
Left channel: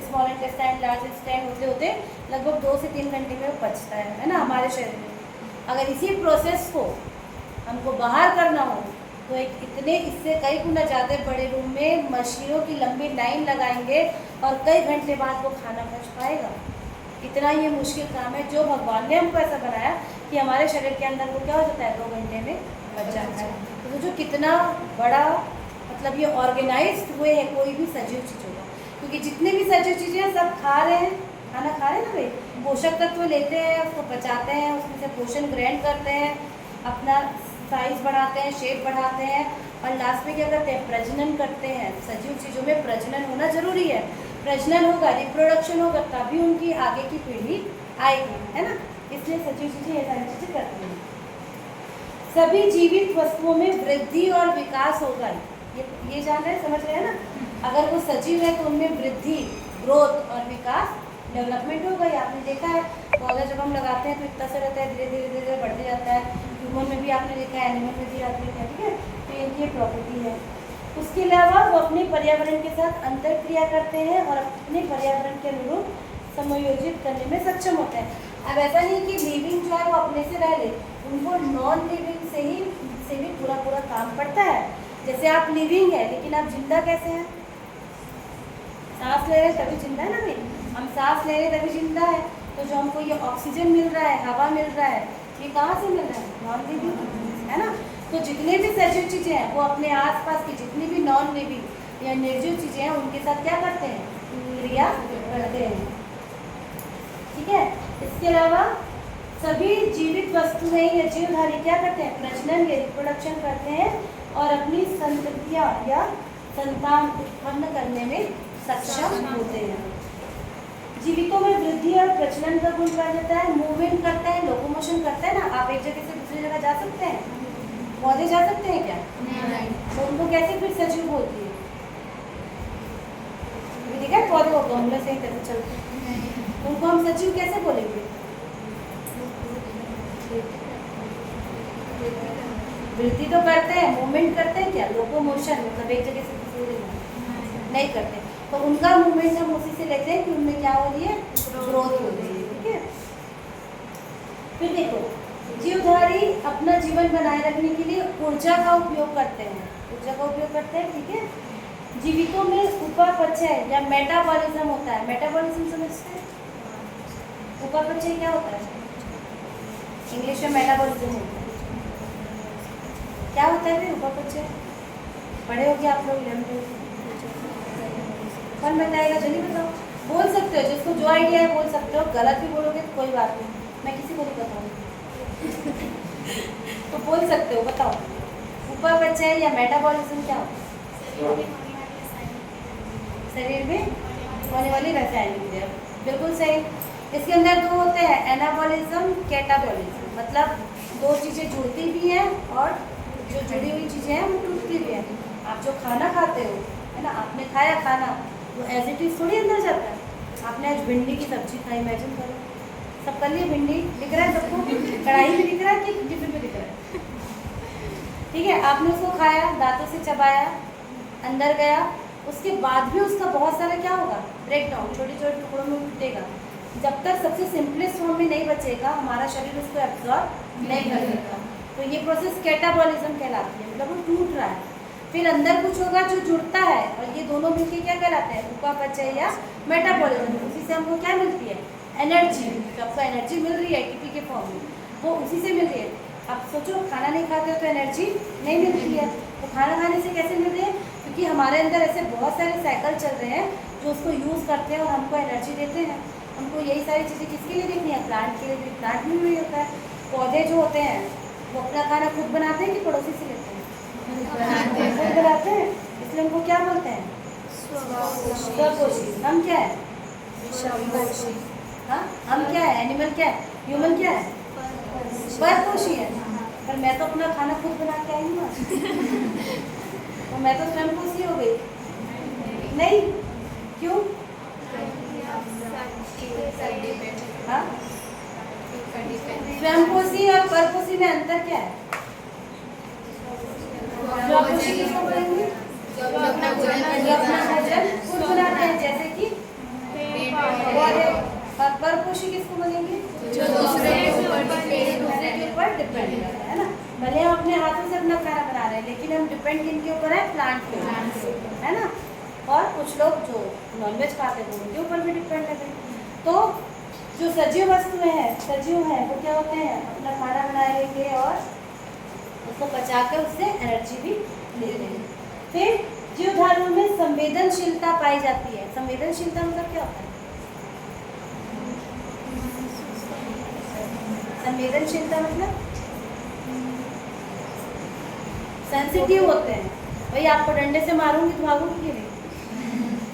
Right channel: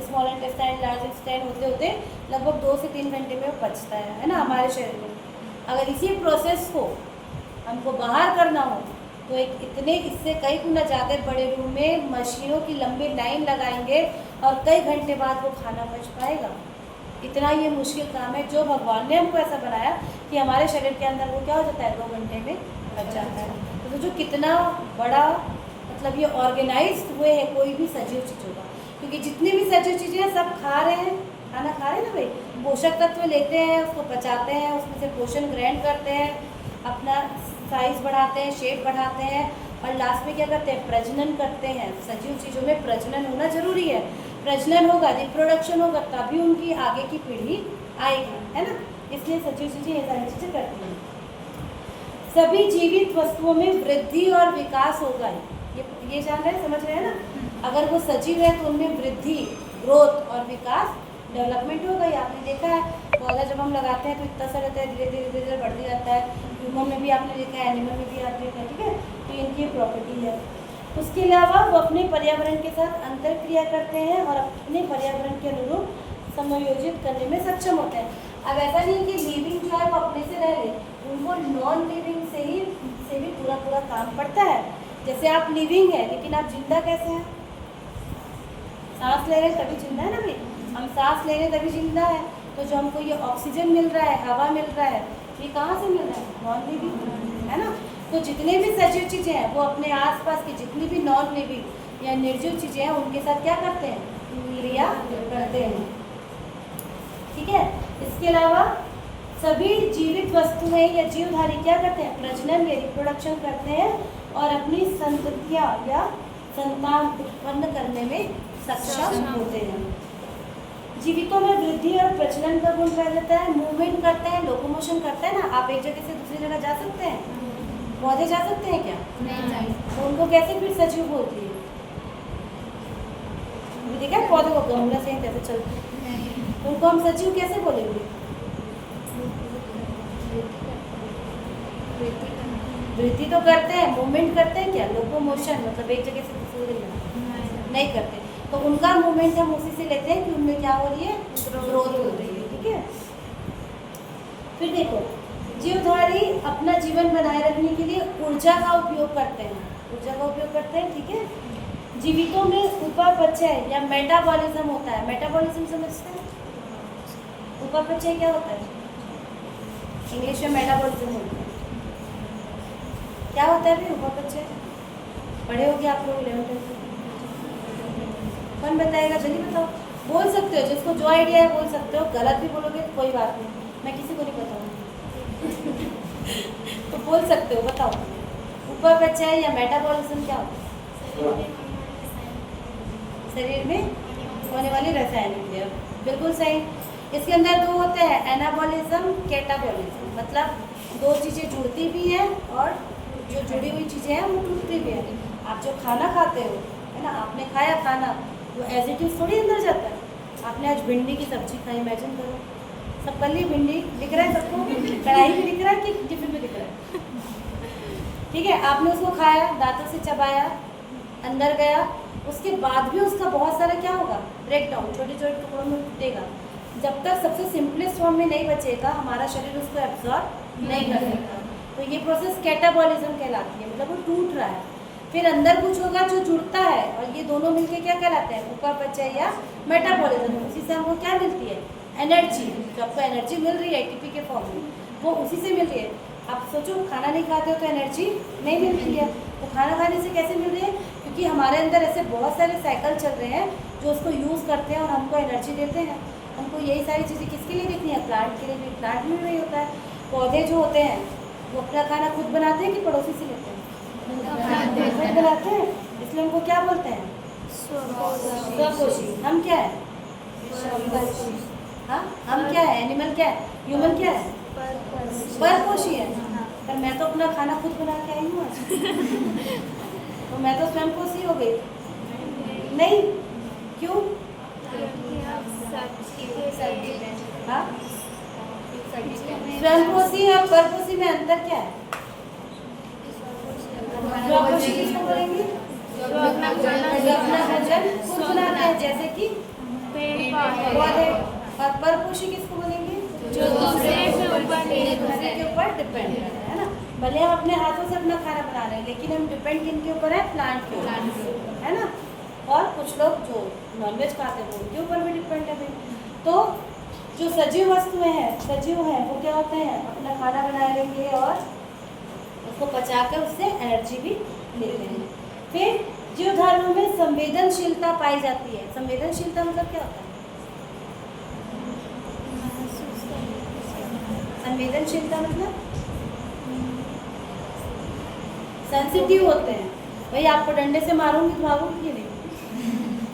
स्मॉल इंटेस्टाइन, लार्ज इंटेस्टाइन होते होते लगभग 2 से 3 घंटे में वो पचता है ना हमारे शरीर में। अगर इसी प्रोसेस को हमको बाहर करना हो तो एक इतने इससे कई गुना ज़्यादा बड़े रूम में मशीनों की लंबी लाइन लगाएंगे और कई घंटे बाद वो खाना पच पाएगा। इतना ये मुश्किल काम है, जो भगवान ने हमको ऐसा बनाया कि हमारे शरीर के अंदर वो क्या हो जाता है, 2 घंटे में बच जाता है। तो जो कितना बड़ा मतलब ये ऑर्गेनाइज्ड हुए है कोई भी सजीव चीज़ होगा, क्योंकि जितनी भी सजीव चीज़ें सब खा रहे हैं, खाना खा रहे हैं ना भाई, पोषक तत्व लेते हैं, उसको पचाते हैं, उसमें से पोषण ग्रहण करते हैं, अपना साइज बढ़ाते हैं, शेप बढ़ाते हैं और लास्ट में क्या करते हैं, प्रजनन करते हैं। सजीव चीज़ों में प्रजनन होना जरूरी है, प्रजनन होगा, रिप्रोडक्शन होगा, तभी उनकी आगे की पीढ़ी आएगी, है ना। इसलिए सजीव चीज़ें ये सारी चीज़ें करती हैं। सभी जीवित वस्तुओं में वृद्धि और विकास होगा, ये जान रहे हैं, समझ रहे हैं ना। अगर वो सजीव है तो उनमें वृद्धि, ग्रोथ और विकास, डेवलपमेंट होगा। ये आपने देखा है, पौधा जब हम लगाते हैं तो इतना सा रहता है, धीरे धीरे धीरे धीरे बढ़ते जाता है। ह्यूमन में भी आपने देखा है, एनिमल में भी आपने देखा है, ठीक है। तो इनकी प्रॉपर्टी है। उसके अलावा वो अपने पर्यावरण के साथ अंतर क्रिया करते हैं और अपने पर्यावरण के अनुरूप समायोजित करने में सक्षम होते हैं। अब ऐसा नहीं कि लिविंग जो है वो अपने से रह ले, उनको नॉन लिविंग से भी पूरा काम पड़ता है। जैसे आप लिविंग है लेकिन आप जिंदा कैसे हैं? सांस ले रहे हैं तभी जिंदा है ना भाई, हम सांस ले रहे हैं तभी जिंदा है। तो जो हमको ये ऑक्सीजन मिल रहा है, हवा मिल रहा है, ये कहाँ से मिल रहा है? नॉन लिविंग, है ना। तो जितने भी सजीव चीज़ें हैं वो अपने आसपास की जितनी भी नॉन लिविंग या निर्जीव चीज़ें हैं उनके साथ क्या करते हैं, क्रिया करते हैं, ठीक है। इसके अलावा सभी जीवित वस्तुएं या जीवधारी क्या करते हैं, प्रजनन या रिप्रोडक्शन करते हैं और अपनी संततियाँ या संतान उत्पन्न करने में सक्षम होते हैं। जीवितों में वृद्धि और प्रजनन का गुण पाया जाता है, मूवमेंट करते हैं, लोकोमोशन करते हैं ना। आप एक जगह से दूसरी जगह जा सकते हैं, पौधे जा सकते हैं क्या? नहीं। तो उनको कैसे फिर सजीव बोलती है? देखा है पौधे को गमला से कैसे चलते हैं, तो उनको हम सजीव कैसे बोलेंगे? वृद्धि तो करते हैं, मूवमेंट करते हैं क्या? लोकोमोशन मतलब एक जगह से दूसरी जगह नहीं करते। तो उनका मूवमेंट हम उसी से लेते हैं कि उनमें क्या हो रही है, ग्रोथ हो रही है, ठीक है। फिर देखो, जीवधारी अपना जीवन बनाए रखने के लिए ऊर्जा का उपयोग करते हैं, ठीक है। जीवितों में उपापचय या मेटाबॉलिज्म होता है। मेटाबॉलिज्म समझते हैं? उपापचय क्या होता है? इंग्लिश में मेटाबॉलिज्म होता है। क्या होता है फिर उपापचय? पढ़े होगे आप लोग 11th कौन बताएगा, जल्दी बताओ। बोल सकते हो, जिसको जो आइडिया है बोल सकते हो, गलत भी बोलोगे तो कोई बात नहीं, मैं किसी को नहीं कहता हूँ। तो बोल सकते हो, बताओ। उपापचय या मेटाबॉलिज्म क्या होता है? शरीर में होने वाली रासायनिक क्रिया, बिल्कुल सही। इसके अंदर 2 होते हैं, एनाबॉलिज्म, कैटाबॉलिज्म। मतलब 2 चीज़ें जुड़ती भी हैं और जो जुड़ी हुई चीज़ें हैं वो टूटती भी हैं। आप जो खाना खाते हो, है ना, आपने खाया खाना, वो एज इट इज़ थोड़ी अंदर जाता है। आपने आज भिंडी की सब्जी खाई, इमेजिन करो, सब कर ली, भिंडी दिख रहा है सबको, कढ़ाई में दिख रहा है कि टिफिन में दिख रहा है, ठीक है। आपने उसको खाया, दांतों से चबाया, अंदर गया, उसके बाद भी उसका बहुत सारा क्या होगा, ब्रेक डाउन, छोटे छोटे टुकड़ों में टूटेगा। जब तक सबसे सिंपलेस्ट फॉर्म में नहीं बचेगा, हमारा शरीर उसको एब्जॉर्ब नहीं कर सकता। तो ये प्रोसेस कैटाबॉलिज्म कहलाती है, मतलब वो टूट रहा है। फिर अंदर कुछ होगा जो जुड़ता है और ये दोनों मिलके क्या कहलाते हैं, उपापचय या मेटाबॉलिज्म। उसी से हमको क्या मिलती है, एनर्जी। जो आपको एनर्जी मिल रही है एटीपी के फॉर्म में, वो उसी से मिल रही है। आप सोचो खाना नहीं खाते हो तो एनर्जी नहीं मिलती है, तो खाना खाने से कैसे मिल रही है, क्योंकि हमारे अंदर ऐसे बहुत सारे साइकिल चल रहे हैं जो उसको यूज़ करते हैं और हमको एनर्जी देते हैं। हमको यही सारी चीज़ें किसके लिए देखनी है, प्लांट के लिए भी। प्लांट में भी होता है, पौधे जो होते हैं वो अपना खाना खुद बनाते हैं कि पड़ोसी से लेते हैं, खुद बनाते हैं, इसलिए हमको क्या बोलते हैं, स्वपोषी। हम क्या है, हाँ हम क्या है, एनिमल क्या है, ह्यूमन क्या है, परपोषी है। पर मैं तो अपना खाना खुद बना के आई हूँ आज। तो मैं तो स्वयंपोषी हो गई नहीं, क्यों, हाँ स्वयंपोषी और परपोषी में अंतर क्या है, स्वपोषी किसको बोलेंगे, जो अपना भोजन खुद बनाते हैं जैसे कि पौधे, और परपोषी किसको बोलेंगे, जो दूसरे के ऊपर डिपेंड है ना। भले हम अपने हाथों से अपना खाना बना रहे हैं लेकिन हम डिपेंड किनके ऊपर है, प्लांट पे, है ना। और कुछ लोग जो नॉनवेज खाते हैं उनके ऊपर भी डिपेंड है भाई। तो जो सजीव वस्तुएं हैं, सजीव हैं, वो क्या होते हैं, अपना खाना बनाएंगे और उसको पचाकर उससे एनर्जी भी लेते हैं। फिर जीवधारियों में संवेदनशीलता पाई जाती है। संवेदनशीलता मतलब क्या होता है, संवेदनशीलता मतलब सेंसिटिव होते हैं। भाई आपको डंडे से मारूंगी तो भागूंगी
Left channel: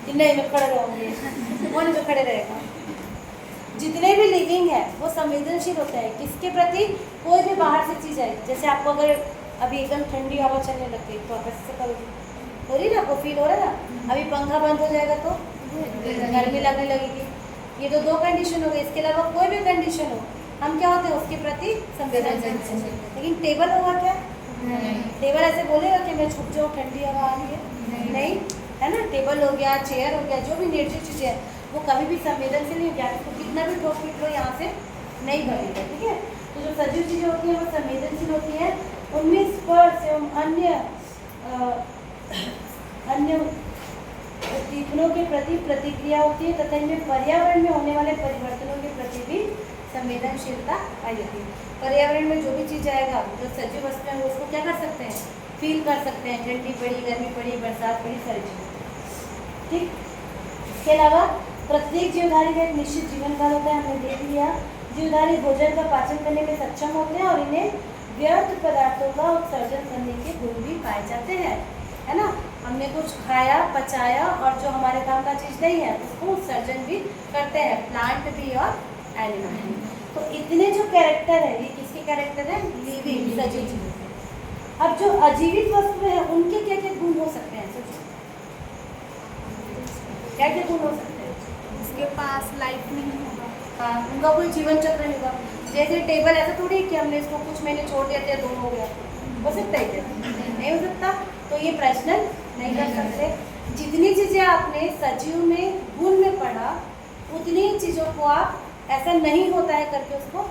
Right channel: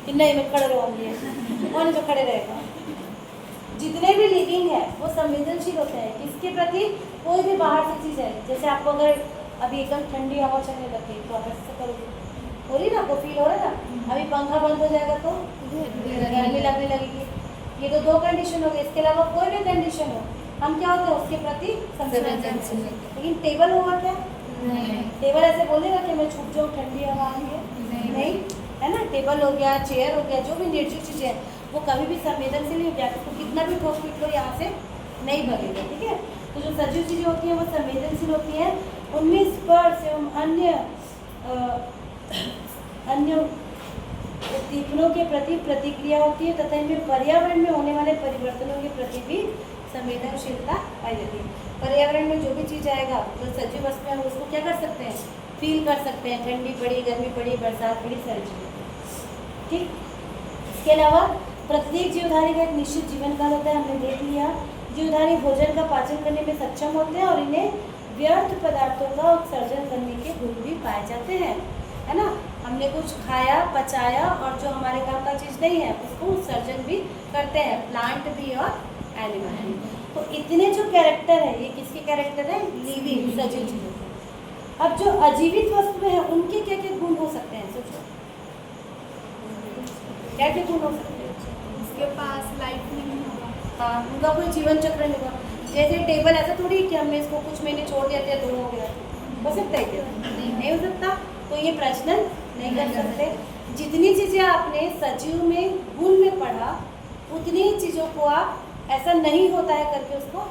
कि नहीं मैं खड़े रहूंगी, कौन तो खड़े रहेगा। जितने भी लिविंग है वो संवेदनशील होते हैं किसके प्रति, कोई भी बाहर से चीज़ आई, जैसे आपको अगर अभी एकदम ठंडी हवा चलने लग गई तो आप ऐसे करोगे, हो रही ना, आपको फील हो रहा है ना। अभी पंखा बंद हो जाएगा तो गर्मी लगने लगेगी। ये तो दो कंडीशन हो गई, इसके अलावा कोई भी कंडीशन हो हम क्या होते हैं उसके प्रति संवेदनशील। लेकिन टेबल होगा क्या, टेबल ऐसे बोलेगा कि मैं छुप जाऊँ ठंडी हवा आ रही है, नहीं, है ना। टेबल हो गया, चेयर हो गया, जो भी निर्जीव चीज़ें हैं वो कभी भी संवेदनशील नहीं होती। तो कितना भी ठोस पीट लो यहाँ से नहीं भरेगा, ठीक है। तो जो सजीव चीज़ें होती हैं वो संवेदनशील होती हैं। उनमें स्पर्श एवं अन्य उद्दीपनों के प्रति प्रतिक्रिया होती है तथा इनमें पर्यावरण में होने वाले परिवर्तनों के प्रति भी संवेदनशीलता पाई जाती है। पर्यावरण में जो भी चीज़ आएगा, जो सजीव वस्तु है उसको क्या कर सकते हैं, फील कर सकते हैं, ठंडी पड़ी, गर्मी पड़ी, बरसात पड़ी, सारी चीज़ें, ठीक। इसके अलावा प्रत्येक जीवधारी का एक निश्चित जीवन काल होता है, हमने देख लिया। जीवधारी भोजन का पाचन करने में सक्षम होते हैं और इन्हें व्यर्थ पदार्थों का उत्सर्जन करने के गुण भी पाए जाते हैं, है ना। हमने कुछ खाया, पचाया और जो हमारे काम का चीज़ नहीं है उसको उत्सर्जन भी करते हैं, प्लांट भी और एनिमल भी। तो इतने जो कैरेक्टर है ये किसके कैरेक्टर है, लिविंग सजीव चीज़ों के। अब जो अजीवित वस्तुएं हैं उनके क्या क्या गुण हो सकते हैं, सोचो क्या क्या गुण हो सकते हैं। उसके पास लाइफ नहीं होगा, हाँ उनका कोई जीवन चक्र नहीं होगा। जैसे टेबल ऐसा थोड़ी कि हमने इसको कुछ महीने छोड़ दिया तो हो गया, हो सकता है क्या, नहीं हो सकता। तो ये प्रश्न नहीं कर सकते। जितनी चीज़ें आपने सजीव में गुण में पढ़ा उतनी चीज़ों को आप ऐसा नहीं होता है करके उसको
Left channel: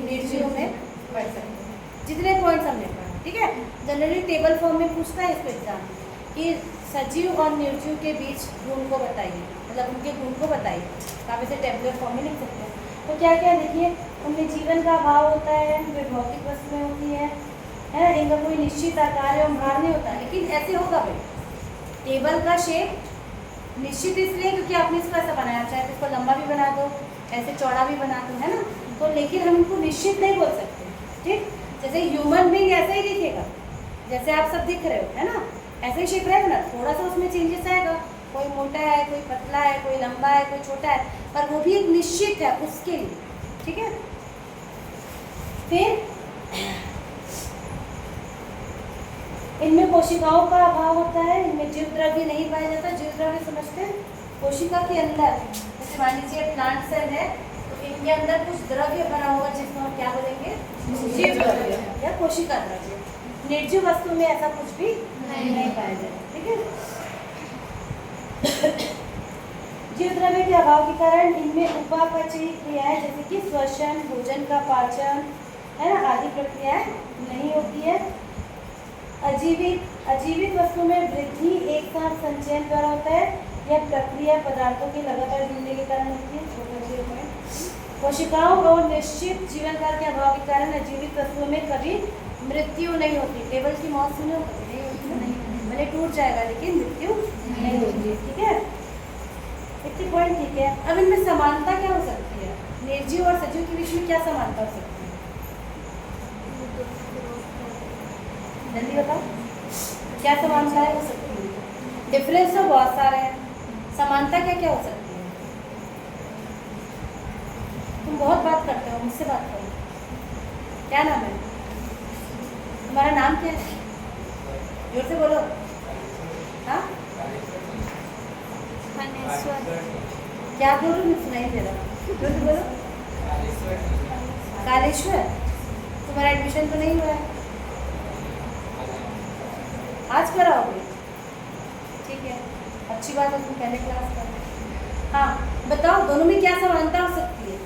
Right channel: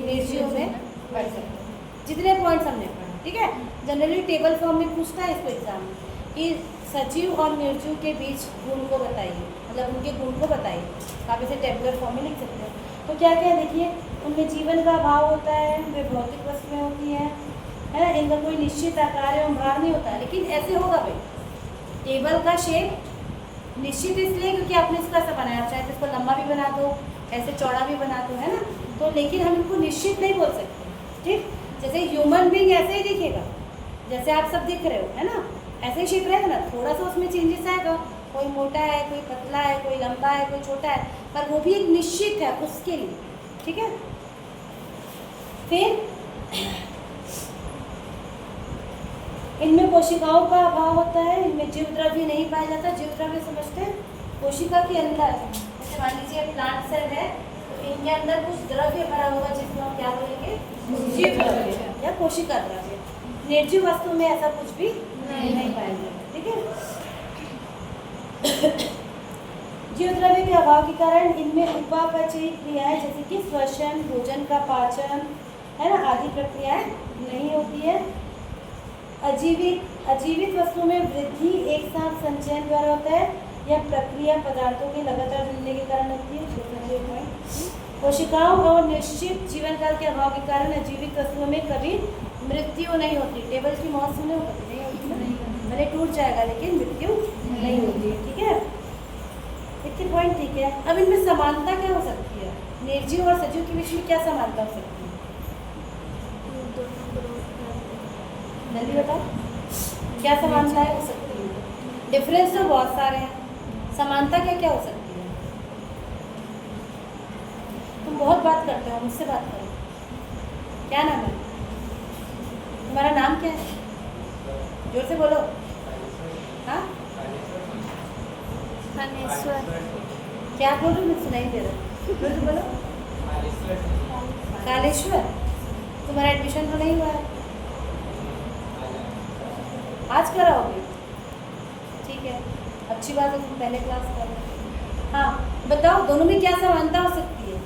निर्जीव में पढ़ सकते हैं, जितने पॉइंट्स हमने पढ़ा, ठीक है। जनरली टेबल फॉर्म में पूछता है इसको एग्जाम में कि सजीव और निर्जीव के बीच गुण को बताइए, मतलब उनके गुण को बताइए। आप इसे टेबुलर फॉर्म में लिख सकते हैं। तो क्या क्या देखिए, उनमें जीवन का अभाव होता है, वे भौतिक वस्तुएं होती हैं, है, इनका कोई निश्चित आकार या भार नहीं होता। लेकिन ऐसे होगा भाई, टेबल का शेप निश्चित इसलिए क्योंकि आपने इसको ऐसा बनाया, चाहे इसको लंबा भी बना दो, ऐसे चौड़ा भी बना दो, है ना। तो लेकिन हम इनको निश्चित नहीं बोल सकते, ठीक। जैसे ह्यूमन बीइंग ऐसे ही दिखेगा जैसे आप सब दिख रहे हो, है ना, ऐसे ही शेप रहेगा ना, थोड़ा सा उसमें चेंजेस आएगा, कोई मोटा है, कोई पतला है, कोई लंबा है, कोई छोटा है, पर वो भी एक निश्चित है उसके लिए, ठीक है। फिर इनमें कोशिकाओं का अभाव होता है, इनमें जीव द्रव्य नहीं पाया जाता। जीव द्रव्य समझते हैं, कोशिका के अंदर, जैसे मान लीजिए प्लांट सेल है तो इनके अंदर कुछ द्रव्य भरा होगा जिसको हम क्या बोलेंगे, जीव द्रव्य या कोशिका द्रव्य। निर्जीव वस्तु में ऐसा कुछ भी नहीं पाया जाता, ठीक है। जीव द्रव्य के अभाव के कारण इनमें उपापचयी क्रियाएं जैसे कि श्वसन, भोजन का पाचन, है ना, आदि प्रक्रियाएं नहीं होती है। अजीवित अजीवित वस्तुओं में वृद्धि एक साथ संचयन द्वारा होता है या प्रक्रिया पदार्थों के लगातार जुड़ने के कारण होती है। कोशिकाओं और निश्चित जीवन काल के अभाव के कारण अजीवित वस्तुओं में कभी मृत्यु नहीं होती। टेबल की मौत सुने भले टूट जाएगा लेकिन मृत्यु नहीं होती। ठीक है, एक पॉइंट ठीक है। अब इनमें समानता क्या हो सकती है? निर्जीव और सजीव के बीच में क्या समानता हो सकती है? जल्दी बताओ, क्या समानताएं हो सकती है? डिफरेंस तो बहुत सारे हैं, समानता क्या क्या हो सकती है? तुम बहुत बात करते हो, मुझसे बात करो। क्या नाम है तुम्हारा? नाम क्या है? जोर से बोलो। हाँ, क्या बोल रही? मुझे सुनाई दे रहा। जोर से बोलो। कालेश्वर। तुम्हारा एडमिशन तो नहीं हुआ है? आज कराओगे? ठीक है, अच्छी बात है, तुम पहले क्लास कर रहे। हाँ बताओ, दोनों में क्या समानता हो सकती है?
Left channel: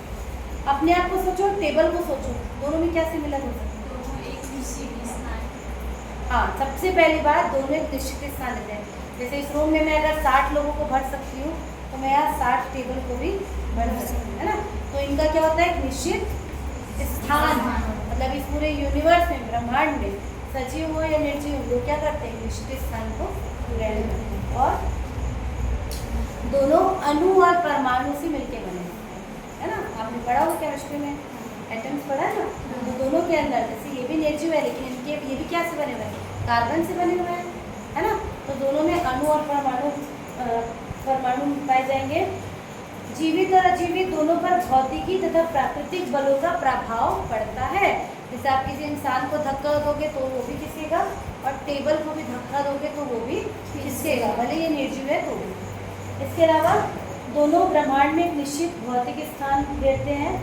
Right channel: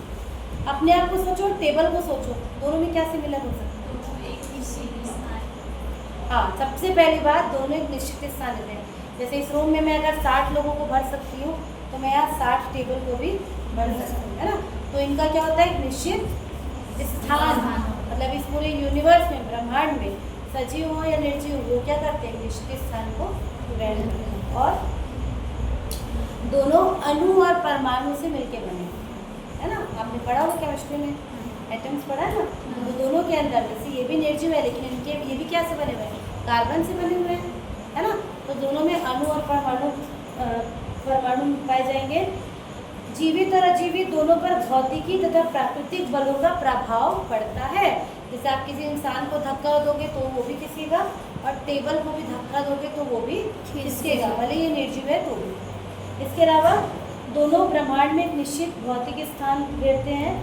अपने आप को सोचो, टेबल को सोचो, दोनों में क्या सिमिलर हो सकती है? हाँ, सबसे पहली बात, दोनों एक निश्चित स्थान देते हैं। जैसे इस रूम में मैं अगर 60 लोगों को भर सकती हूँ तो मैं यहाँ 60 टेबल को भी भर सकती हूँ, है ना। तो इनका क्या होता है? एक निश्चित स्थान, मतलब इस पूरे यूनिवर्स में, ब्रह्मांड में, सजीव हो या निर्जीव हो, वो क्या करते हैं? निश्चित स्थान को ग्रहण करते हैं। और दोनों अणु और परमाणु से मिलके बने, है ना। आपने पढ़ा होगा केमिस्ट्री में, एटम्स पढ़ा है ना। तो दोनों के अंदर, जैसे ये भी निर्जीव है लेकिन इनके ये भी क्या से बने हुए हैं? कार्बन से बने हुए हैं, है ना। तो दोनों में अणु और परमाणु पाए जाएंगे। जीवित और अजीवित दोनों पर भौतिकी तथा प्राकृतिक बलों का प्रभाव पड़ता है। जैसे आप किसी इंसान को धक्का दोगे तो वो भी खिसकेगा, और टेबल को भी धक्का दोगे तो वो भी खिसकेगा, भले ये निर्जीव है तो भी। इसके अलावा दोनों ब्रह्मांड में एक निश्चित भौतिक स्थान घेरते हैं।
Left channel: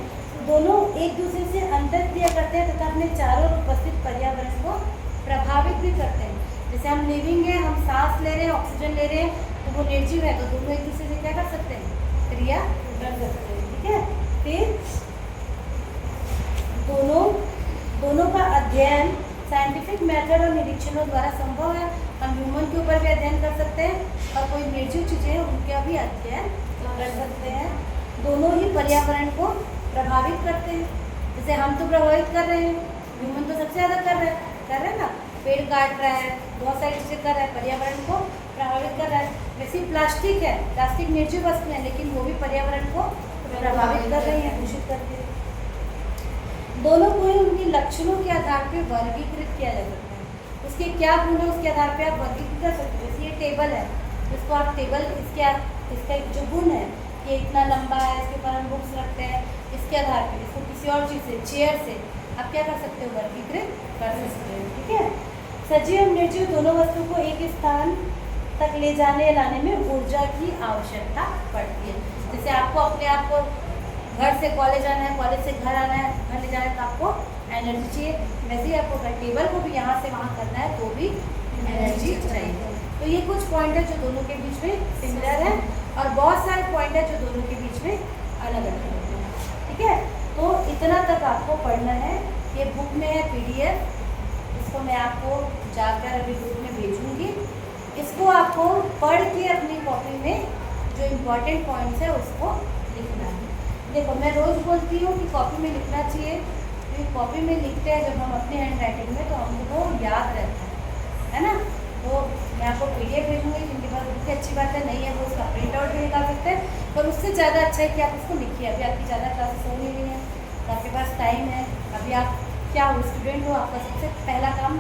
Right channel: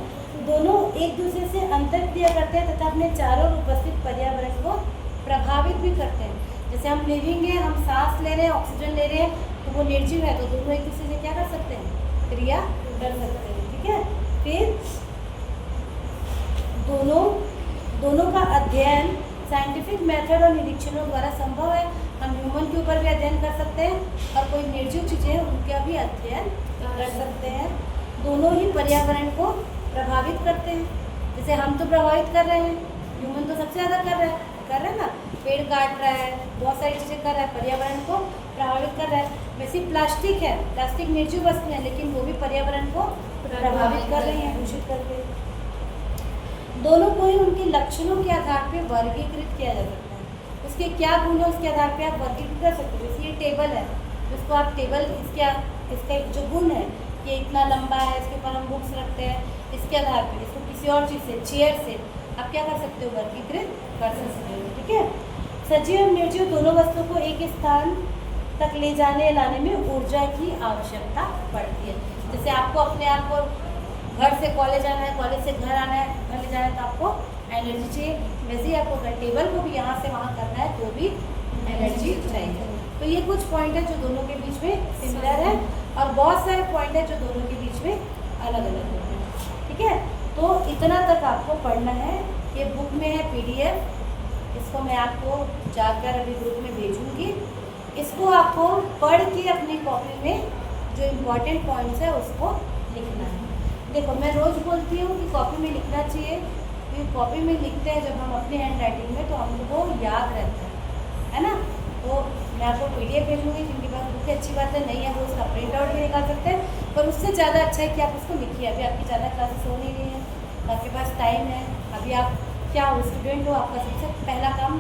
दोनों एक दूसरे से अंतर क्रिया करते हैं तथा अपने चारों ओर उपस्थित पर्यावरण को प्रभावित भी करते हैं। जैसे हम लिविंग हैं, हम सांस ले रहे हैं, ऑक्सीजन ले रहे हैं, तो वो निर्जीव है, तो दोनों एक दूसरे से क्या कर सकते हैं? क्रिया कर सकते हैं। ठीक है, फिर दोनों का अध्ययन साइंटिफिक मेथड और निरीक्षणों द्वारा संभव है। हम ह्यूमन के ऊपर भी अध्ययन कर सकते हैं और कोई निर्जीव चीज़ें उनका भी अध्ययन कर सकते हैं। दोनों ही पर्यावरण को प्रभावित करते हैं। जैसे हम तो प्रभावित कर रहे हैं, ह्यूमन तो सबसे ज़्यादा कर रहे हैं ना। पेड़ काट रहा है, बहुत सारी चीज़ें कर रहा है, पर्यावरण को प्रभावित कर रहा है। वैसे प्लास्टिक है, प्लास्टिक निर्जीव वस्तु है लेकिन वो भी पर्यावरण को प्रभावित कर रही है, दूषित करके। दोनों को ही उनके लक्षणों के आधार पर वर्गीकृत किया जा सकता है। उसके क्या गुण है उसके आधार पर आप वर्गीकृत कर सकते हो। जैसे ये टेबल है, इसको आप टेबल, इसका जो गुण है, ये इतना लंबा है, इसके ऊपर हम बुक्स रखते हैं, इसके आधार पर इसको किसी और चीज़ से, चेयर से आप क्या कर सकते हो? वर्गीकृत कर सकते हो। ठीक है, सजीव और निर्जीव दोनों वस्तुओं को एक स्थान तक ले जाने लाने में ऊर्जा की आवश्यकता पड़ती है। जैसे आपको अपने आप को घर से कॉलेज आना है, कॉलेज से घर आना है, घर ले जाना है, तो आपको एनर्जी चाहिए। वैसे ही आपको टेबल को भी यहाँ से वहाँ करना है तो भी एनर्जी चाहिए। तो ये कुछ पॉइंट है जो दोनों के बीच में सिमिलर है, और बहुत सारे पॉइंट है जो दोनों के बीच में अलग अलग है। ठीक है, तो इतना तक आपको पढ़ना है। ये बुक में है PDF, इसको मैं आपको जाकर अभी ग्रुप में भेजूँगी। इसको आपको पढ़ के अपनी कॉपी में जो इम्पोर्टेंट पॉइंट्स है उसको लिखना है। देखो, मैं रोज़ बोलती हूँ कि कॉपी में लिखना चाहिए, क्योंकि कॉपी में लिखते हैं जब हम अपने हैंड राइटिंग में तो हमको याद रहता है ना। तो मैं आपको PDF भेजूँगी, जिनके पास बुक अच्छी बात है, नहीं है वो उसका प्रिंट आउट भी निकाल सकते हैं, पर उससे ज़्यादा अच्छा है कि आप इसको लिखिए। अभी आपकी ज़्यादा क्लासेस हो नहीं रही हैं, आपके पास टाइम है, अभी आप क्या हो, स्टूडेंट हो, आपका सबसे पहला काम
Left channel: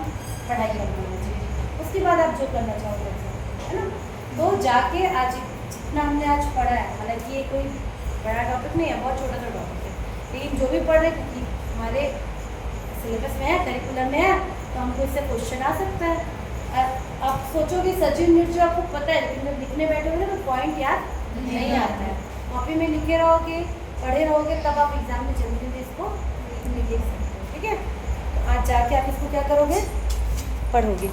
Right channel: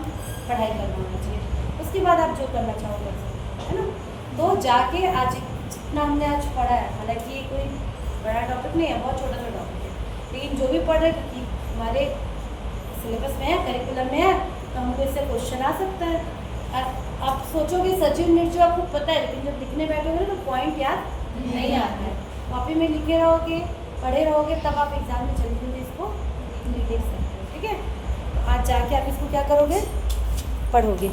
पढ़ाई करना होना चाहिए। उसके बाद आप जो करना चाहोगे, है ना। तो जाके आज जितना हमने आज पढ़ा है, हालांकि ये कोई बड़ा टॉपिक नहीं है, बहुत छोटा सा टॉपिक है, लेकिन जो भी पढ़ रहे क्योंकि हमारे सिलेबस में है, करिकुलम में है, तो हमको इससे क्वेश्चन आ सकता है। आप सोचोगे सचिन निर्जीव आपको पता है, लेकिन जब लिखने बैठोगे तो पॉइंट याद नहीं आता है। कॉपी में लिखे रहोगे, पढ़े रहोगे, तब आप एग्जाम में जल्दी जल्दी इसको लिख सकते हो। ठीक है, तो आज जाके आप इसको क्या करोगे? पढ़ोगे।